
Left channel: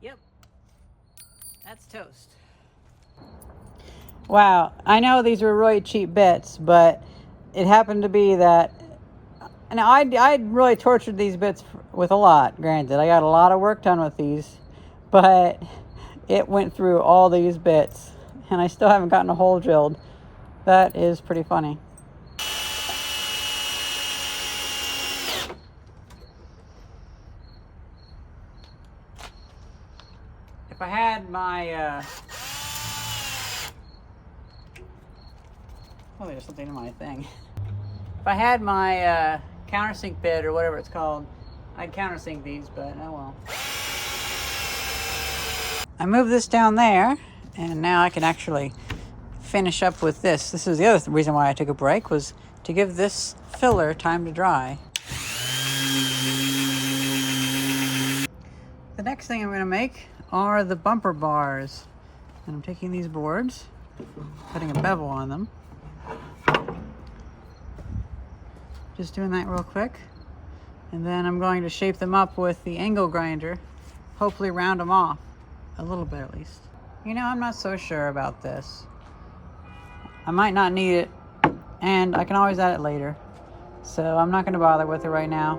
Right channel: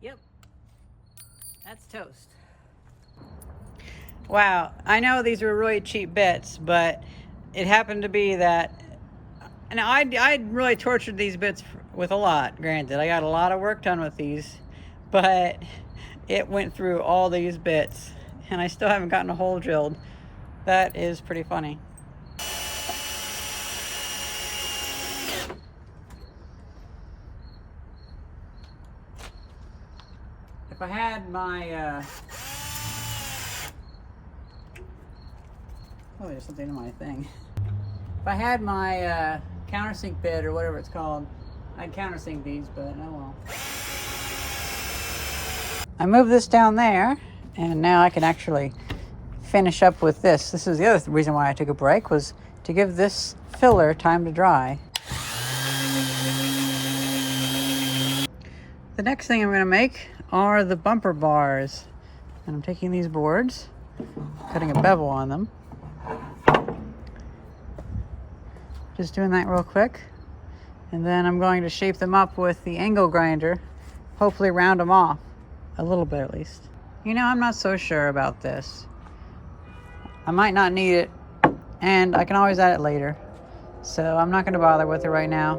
Yep, that's toast. Wow, I know these were really cheap bits, but it happened to be that. Now, I'd really tortured these bits with a lot, granted. I got a lot of work done with these, but it went through all these bits, and I still haven't gotten a hole drilled. That is pretty funny. If I had my, oh, there's something in my thing. If I had my, countersink bit or whatever it's called, I'd countersink these, but oh well. I moved this down there, and now I can actually finish up with this. This is the other reason why I took a break, was to give this filler time to dry. The next thing I'm going to make are the bumper bars, and I'm taking these boards, putting a bevel on them. Just doing that real quick, and then I'm going to shape them up with the angle grinder, hopefully round them off a little bit at least. You know, I'm not so sure about this. I might not need it, and I can always add it later, so I'm not going to bother with it right now.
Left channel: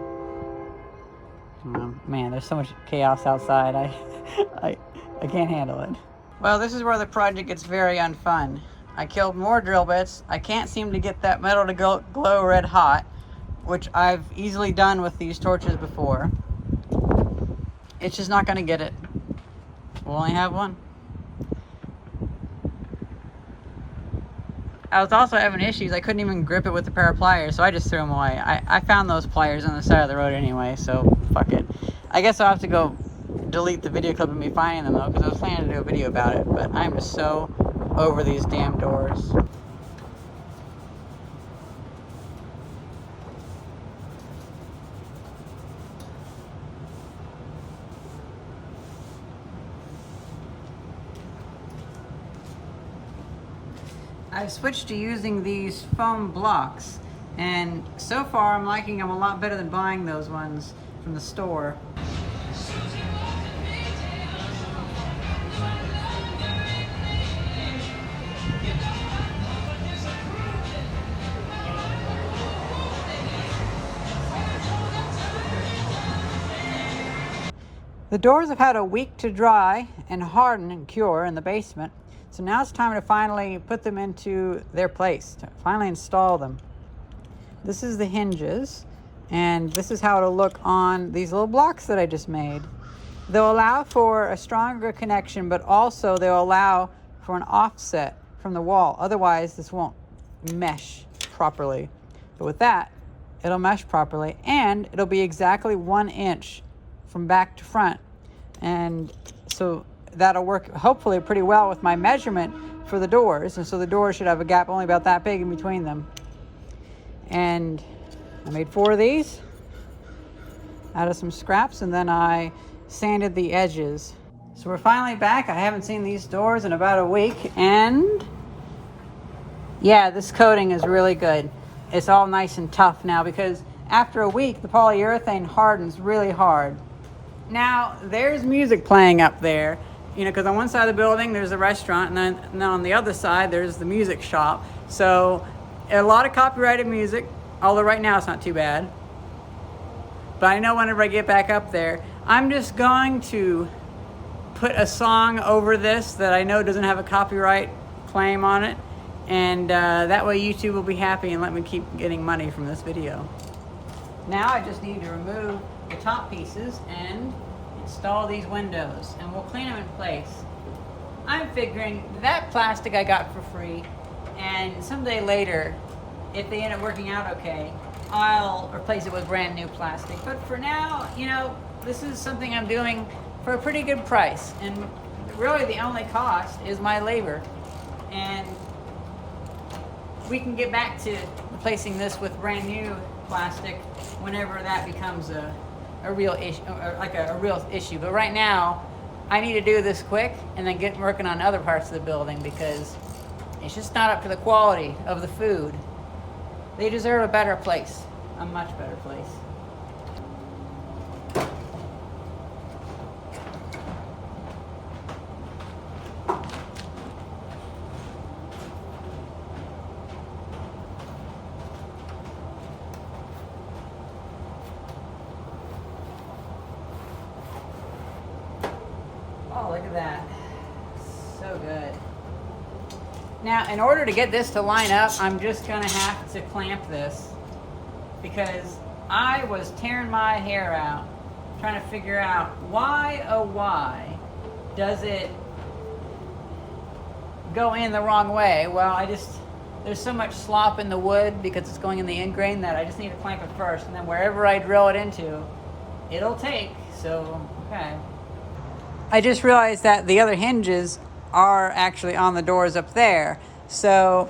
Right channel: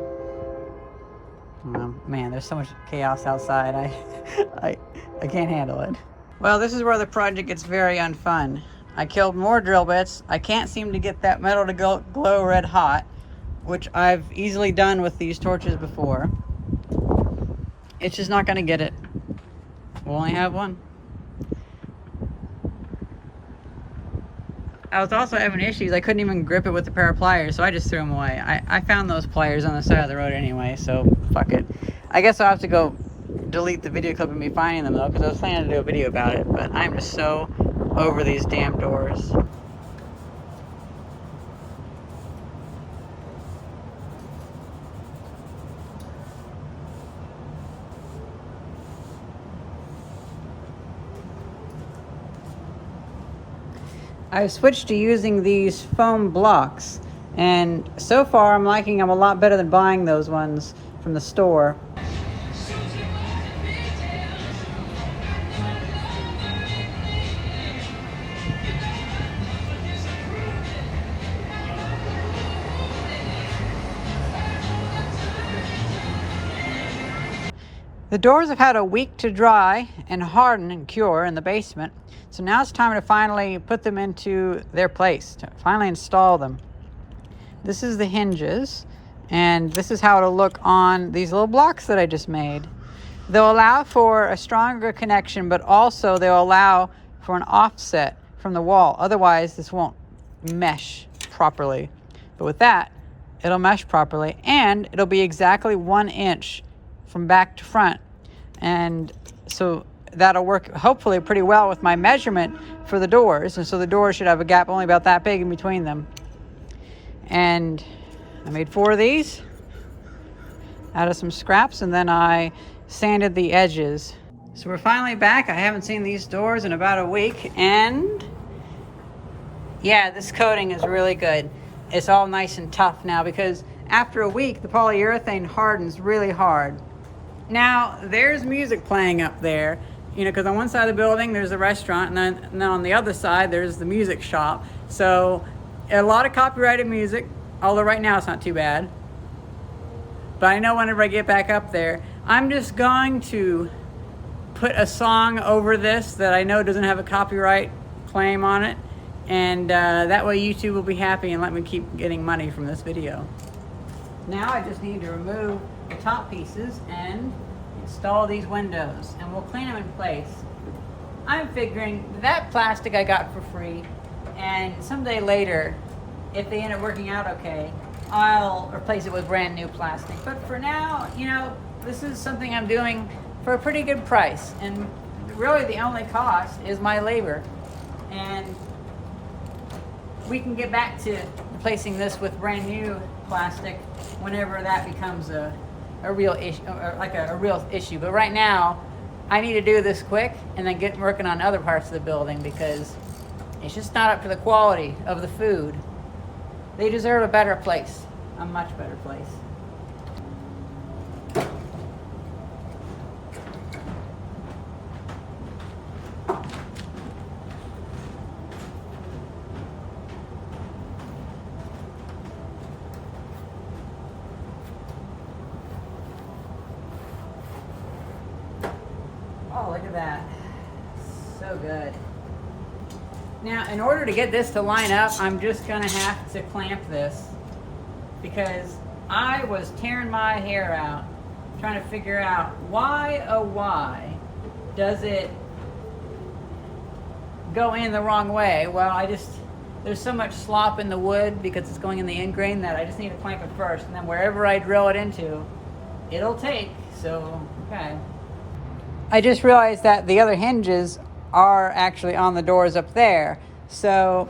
Man, there's so much chaos outside. I can't handle it. Well, this is where the project gets very unfun. I killed more drill bits. I can't seem to get that metal to glow red hot, which I've easily done with these torches before. It's just not going to get it. We'll only have one. I was also having issues. I couldn't even grip it with a pair of pliers, so I just threw them away. I found those pliers on the side of the road anyway, so fuck it. I guess I'll have to go delete the video clip of me finding them though, because I was planning to do a video about it, but I'm just so over these damn doors. I've switched to using these foam blocks, and so far I'm liking them a lot better than buying those ones from the store. The doors have had a week to dry and harden and cure in the basement. So now it's time to finally put them into their place, to finally install them. This is the hinges, and this is how it'll look on these little blocks that I just made. They'll allow for a stronger connection, but also they'll allow for an offset from the wall. Otherwise, this won't mesh properly. But with that, it'll mesh properly, and it'll be exactly 1 inch from back to front. And so that'll work hopefully pretty well with my measurement for the doors. And so the doors should have a gap only about that big in between them. And I made 4 of these out of some scraps, and then I sanded the edges. So we're finally back. I haven't seen these doors in about a week, and yeah, this coating is really good. It's all nice and tough now, because after a week the polyurethane hardens really hard. Now there's music playing up there, you know, because on one side of the building there's a restaurant, and then on the other side there's the music shop. So a lot of copyrighted music, although right now it's not too bad. But I know whenever I get back up there, I'm just going to put a song over this that I know doesn't have a copyright claim on it, and that way YouTube will be happy and let me keep getting money from this video. Now I just need to remove the top pieces and install these windows, and we'll clean them in place. I'm figuring that plastic I got for free, and someday later, if they end up working out okay, I'll replace it with brand new plastic. But for now, you know, this is something I'm doing for a pretty good price, and really the only cost is my labor. And we can get back to replacing this with brand new plastic whenever that becomes a real issue, or like a real issue. But right now, I need to do this quick and then get working on other parts of the building, because it's just not up to the quality of the food. They deserve a better place, a much better place. Oh, look at that. So good. Now, in order to get this to line up, I'm just gonna have to clamp this, because I was tearing my hair out trying to figure out why, oh why, does it go in the wrong way? Well, there's so much slop in the wood because it's going in the end grain that I just need to clamp it first, and then wherever I drill it into, it'll take. So, okay. I just realized that the other hinges are actually on the doors up there. So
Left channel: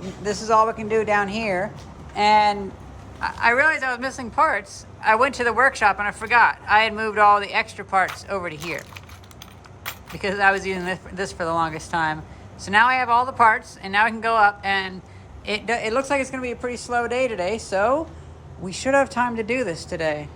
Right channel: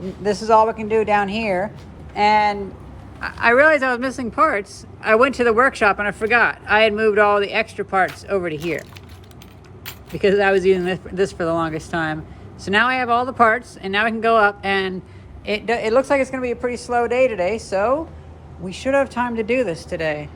this is all we can do down here. And I realized I was missing parts. I went to the workshop and I forgot. I had moved all the extra parts over to here because I was using this for the longest time. So now I have all the parts, and now I can go up, and it looks like it's gonna be a pretty slow day today. So we should have time to do this today.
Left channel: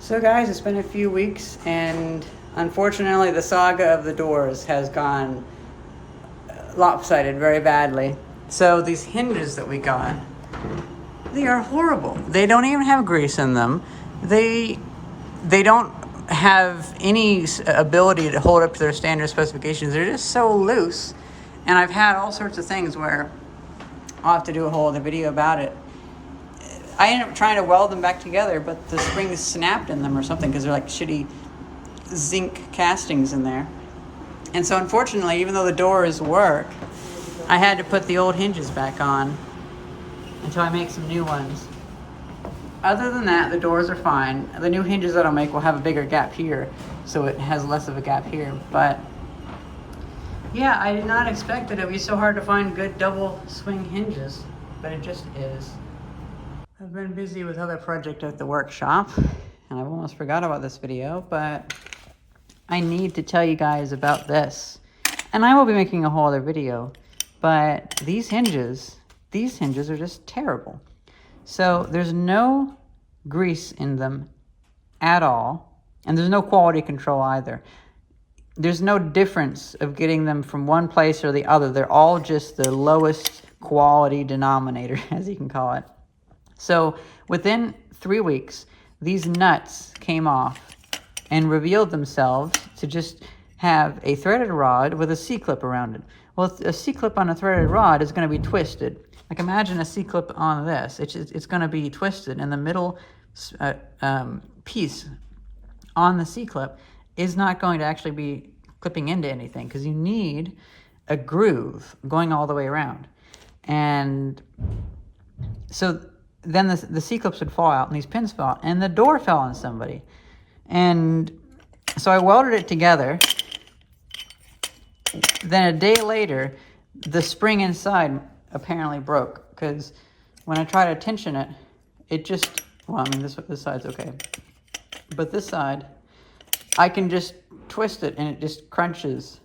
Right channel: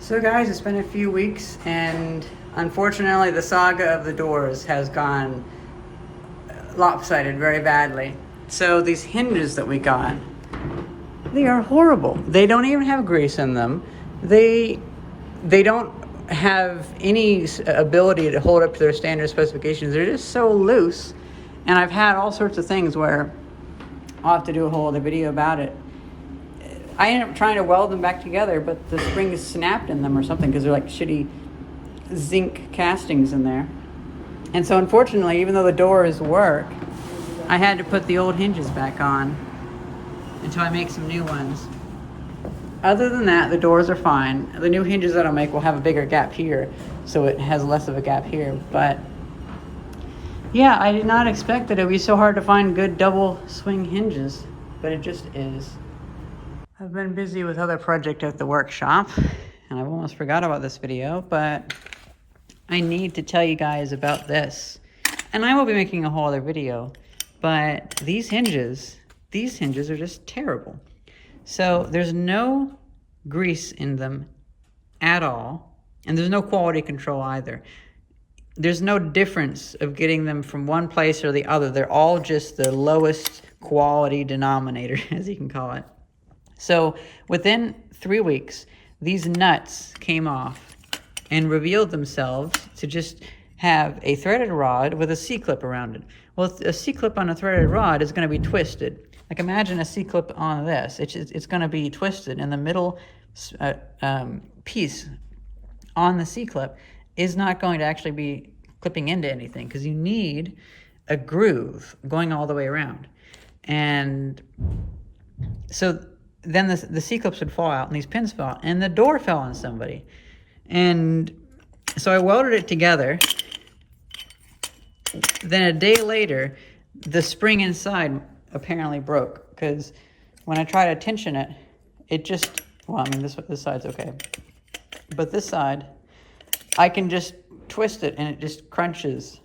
So guys, it's been a few weeks, and unfortunately the saga of the doors has gone lopsided very badly. So these hinges that we got, they are horrible. They don't even have grease in them. They don't have any ability to hold up to their standard specifications. They're just so loose. And I've had all sorts of things where I'll have to do a whole other video about it. I ended up trying to weld them back together, but the springs snapped in them or something, because they're like shitty zinc castings in there. And so unfortunately, even though the doors work, I had to put the old hinges back on until I make some new ones. Other than that, the doors are fine. The new hinges that I'll make will have a bigger gap here, so it has less of a gap here. But yeah, I did not expect that it would be so hard to find good double swing hinges, but it just is. I've been busy with other projects at the workshop, and I've almost forgot about this video, but I need to tell you guys about this. And I will be making a whole other video, but these hinges are just terrible. So there's no grease in them at all, and there's no quality control either. There's no difference of getting them from one place or the other. They're all just the lowest quality denominator, as you can call it. So within 3 weeks, these nuts came off and revealed themselves to just have a threaded rod with a C-clip around it. Well, a C-clip on a threaded rod is going to be twisted. Like imagine a C-clip on this. It's going to be twisted, and the middle piece on the C-clip is not going to actually be clipping into anything, because you need a groove going all the way around. And so then the C-clips would fall out and these pins fell out, and the door fell on somebody. And so I welded it together. Then a day later, the spring inside apparently broke, because when I try to tension it, it just, well, I mean, this side's okay. But this side, I can just twist it and it just crunches.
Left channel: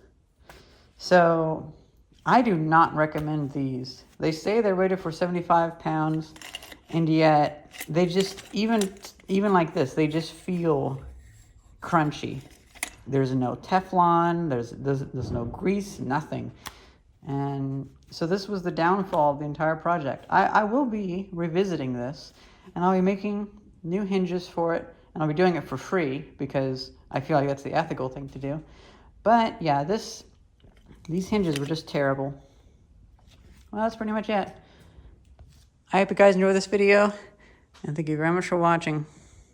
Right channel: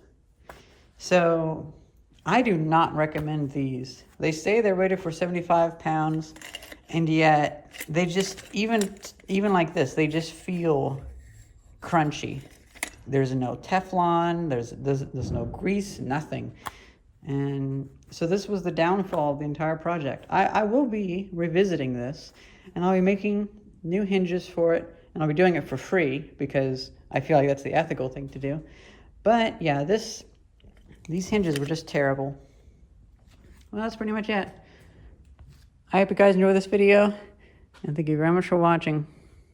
So I do not recommend these. They say they're rated for 75 pounds, and yet they just, even like this, they just feel crunchy. There's no Teflon, there's no grease, nothing. And so this was the downfall of the entire project. I will be revisiting this, and I'll be making new hinges for it, and I'll be doing it for free because I feel like that's the ethical thing to do. But yeah, these hinges were just terrible. Well, that's pretty much it. I hope you guys enjoyed this video, and thank you very much for watching.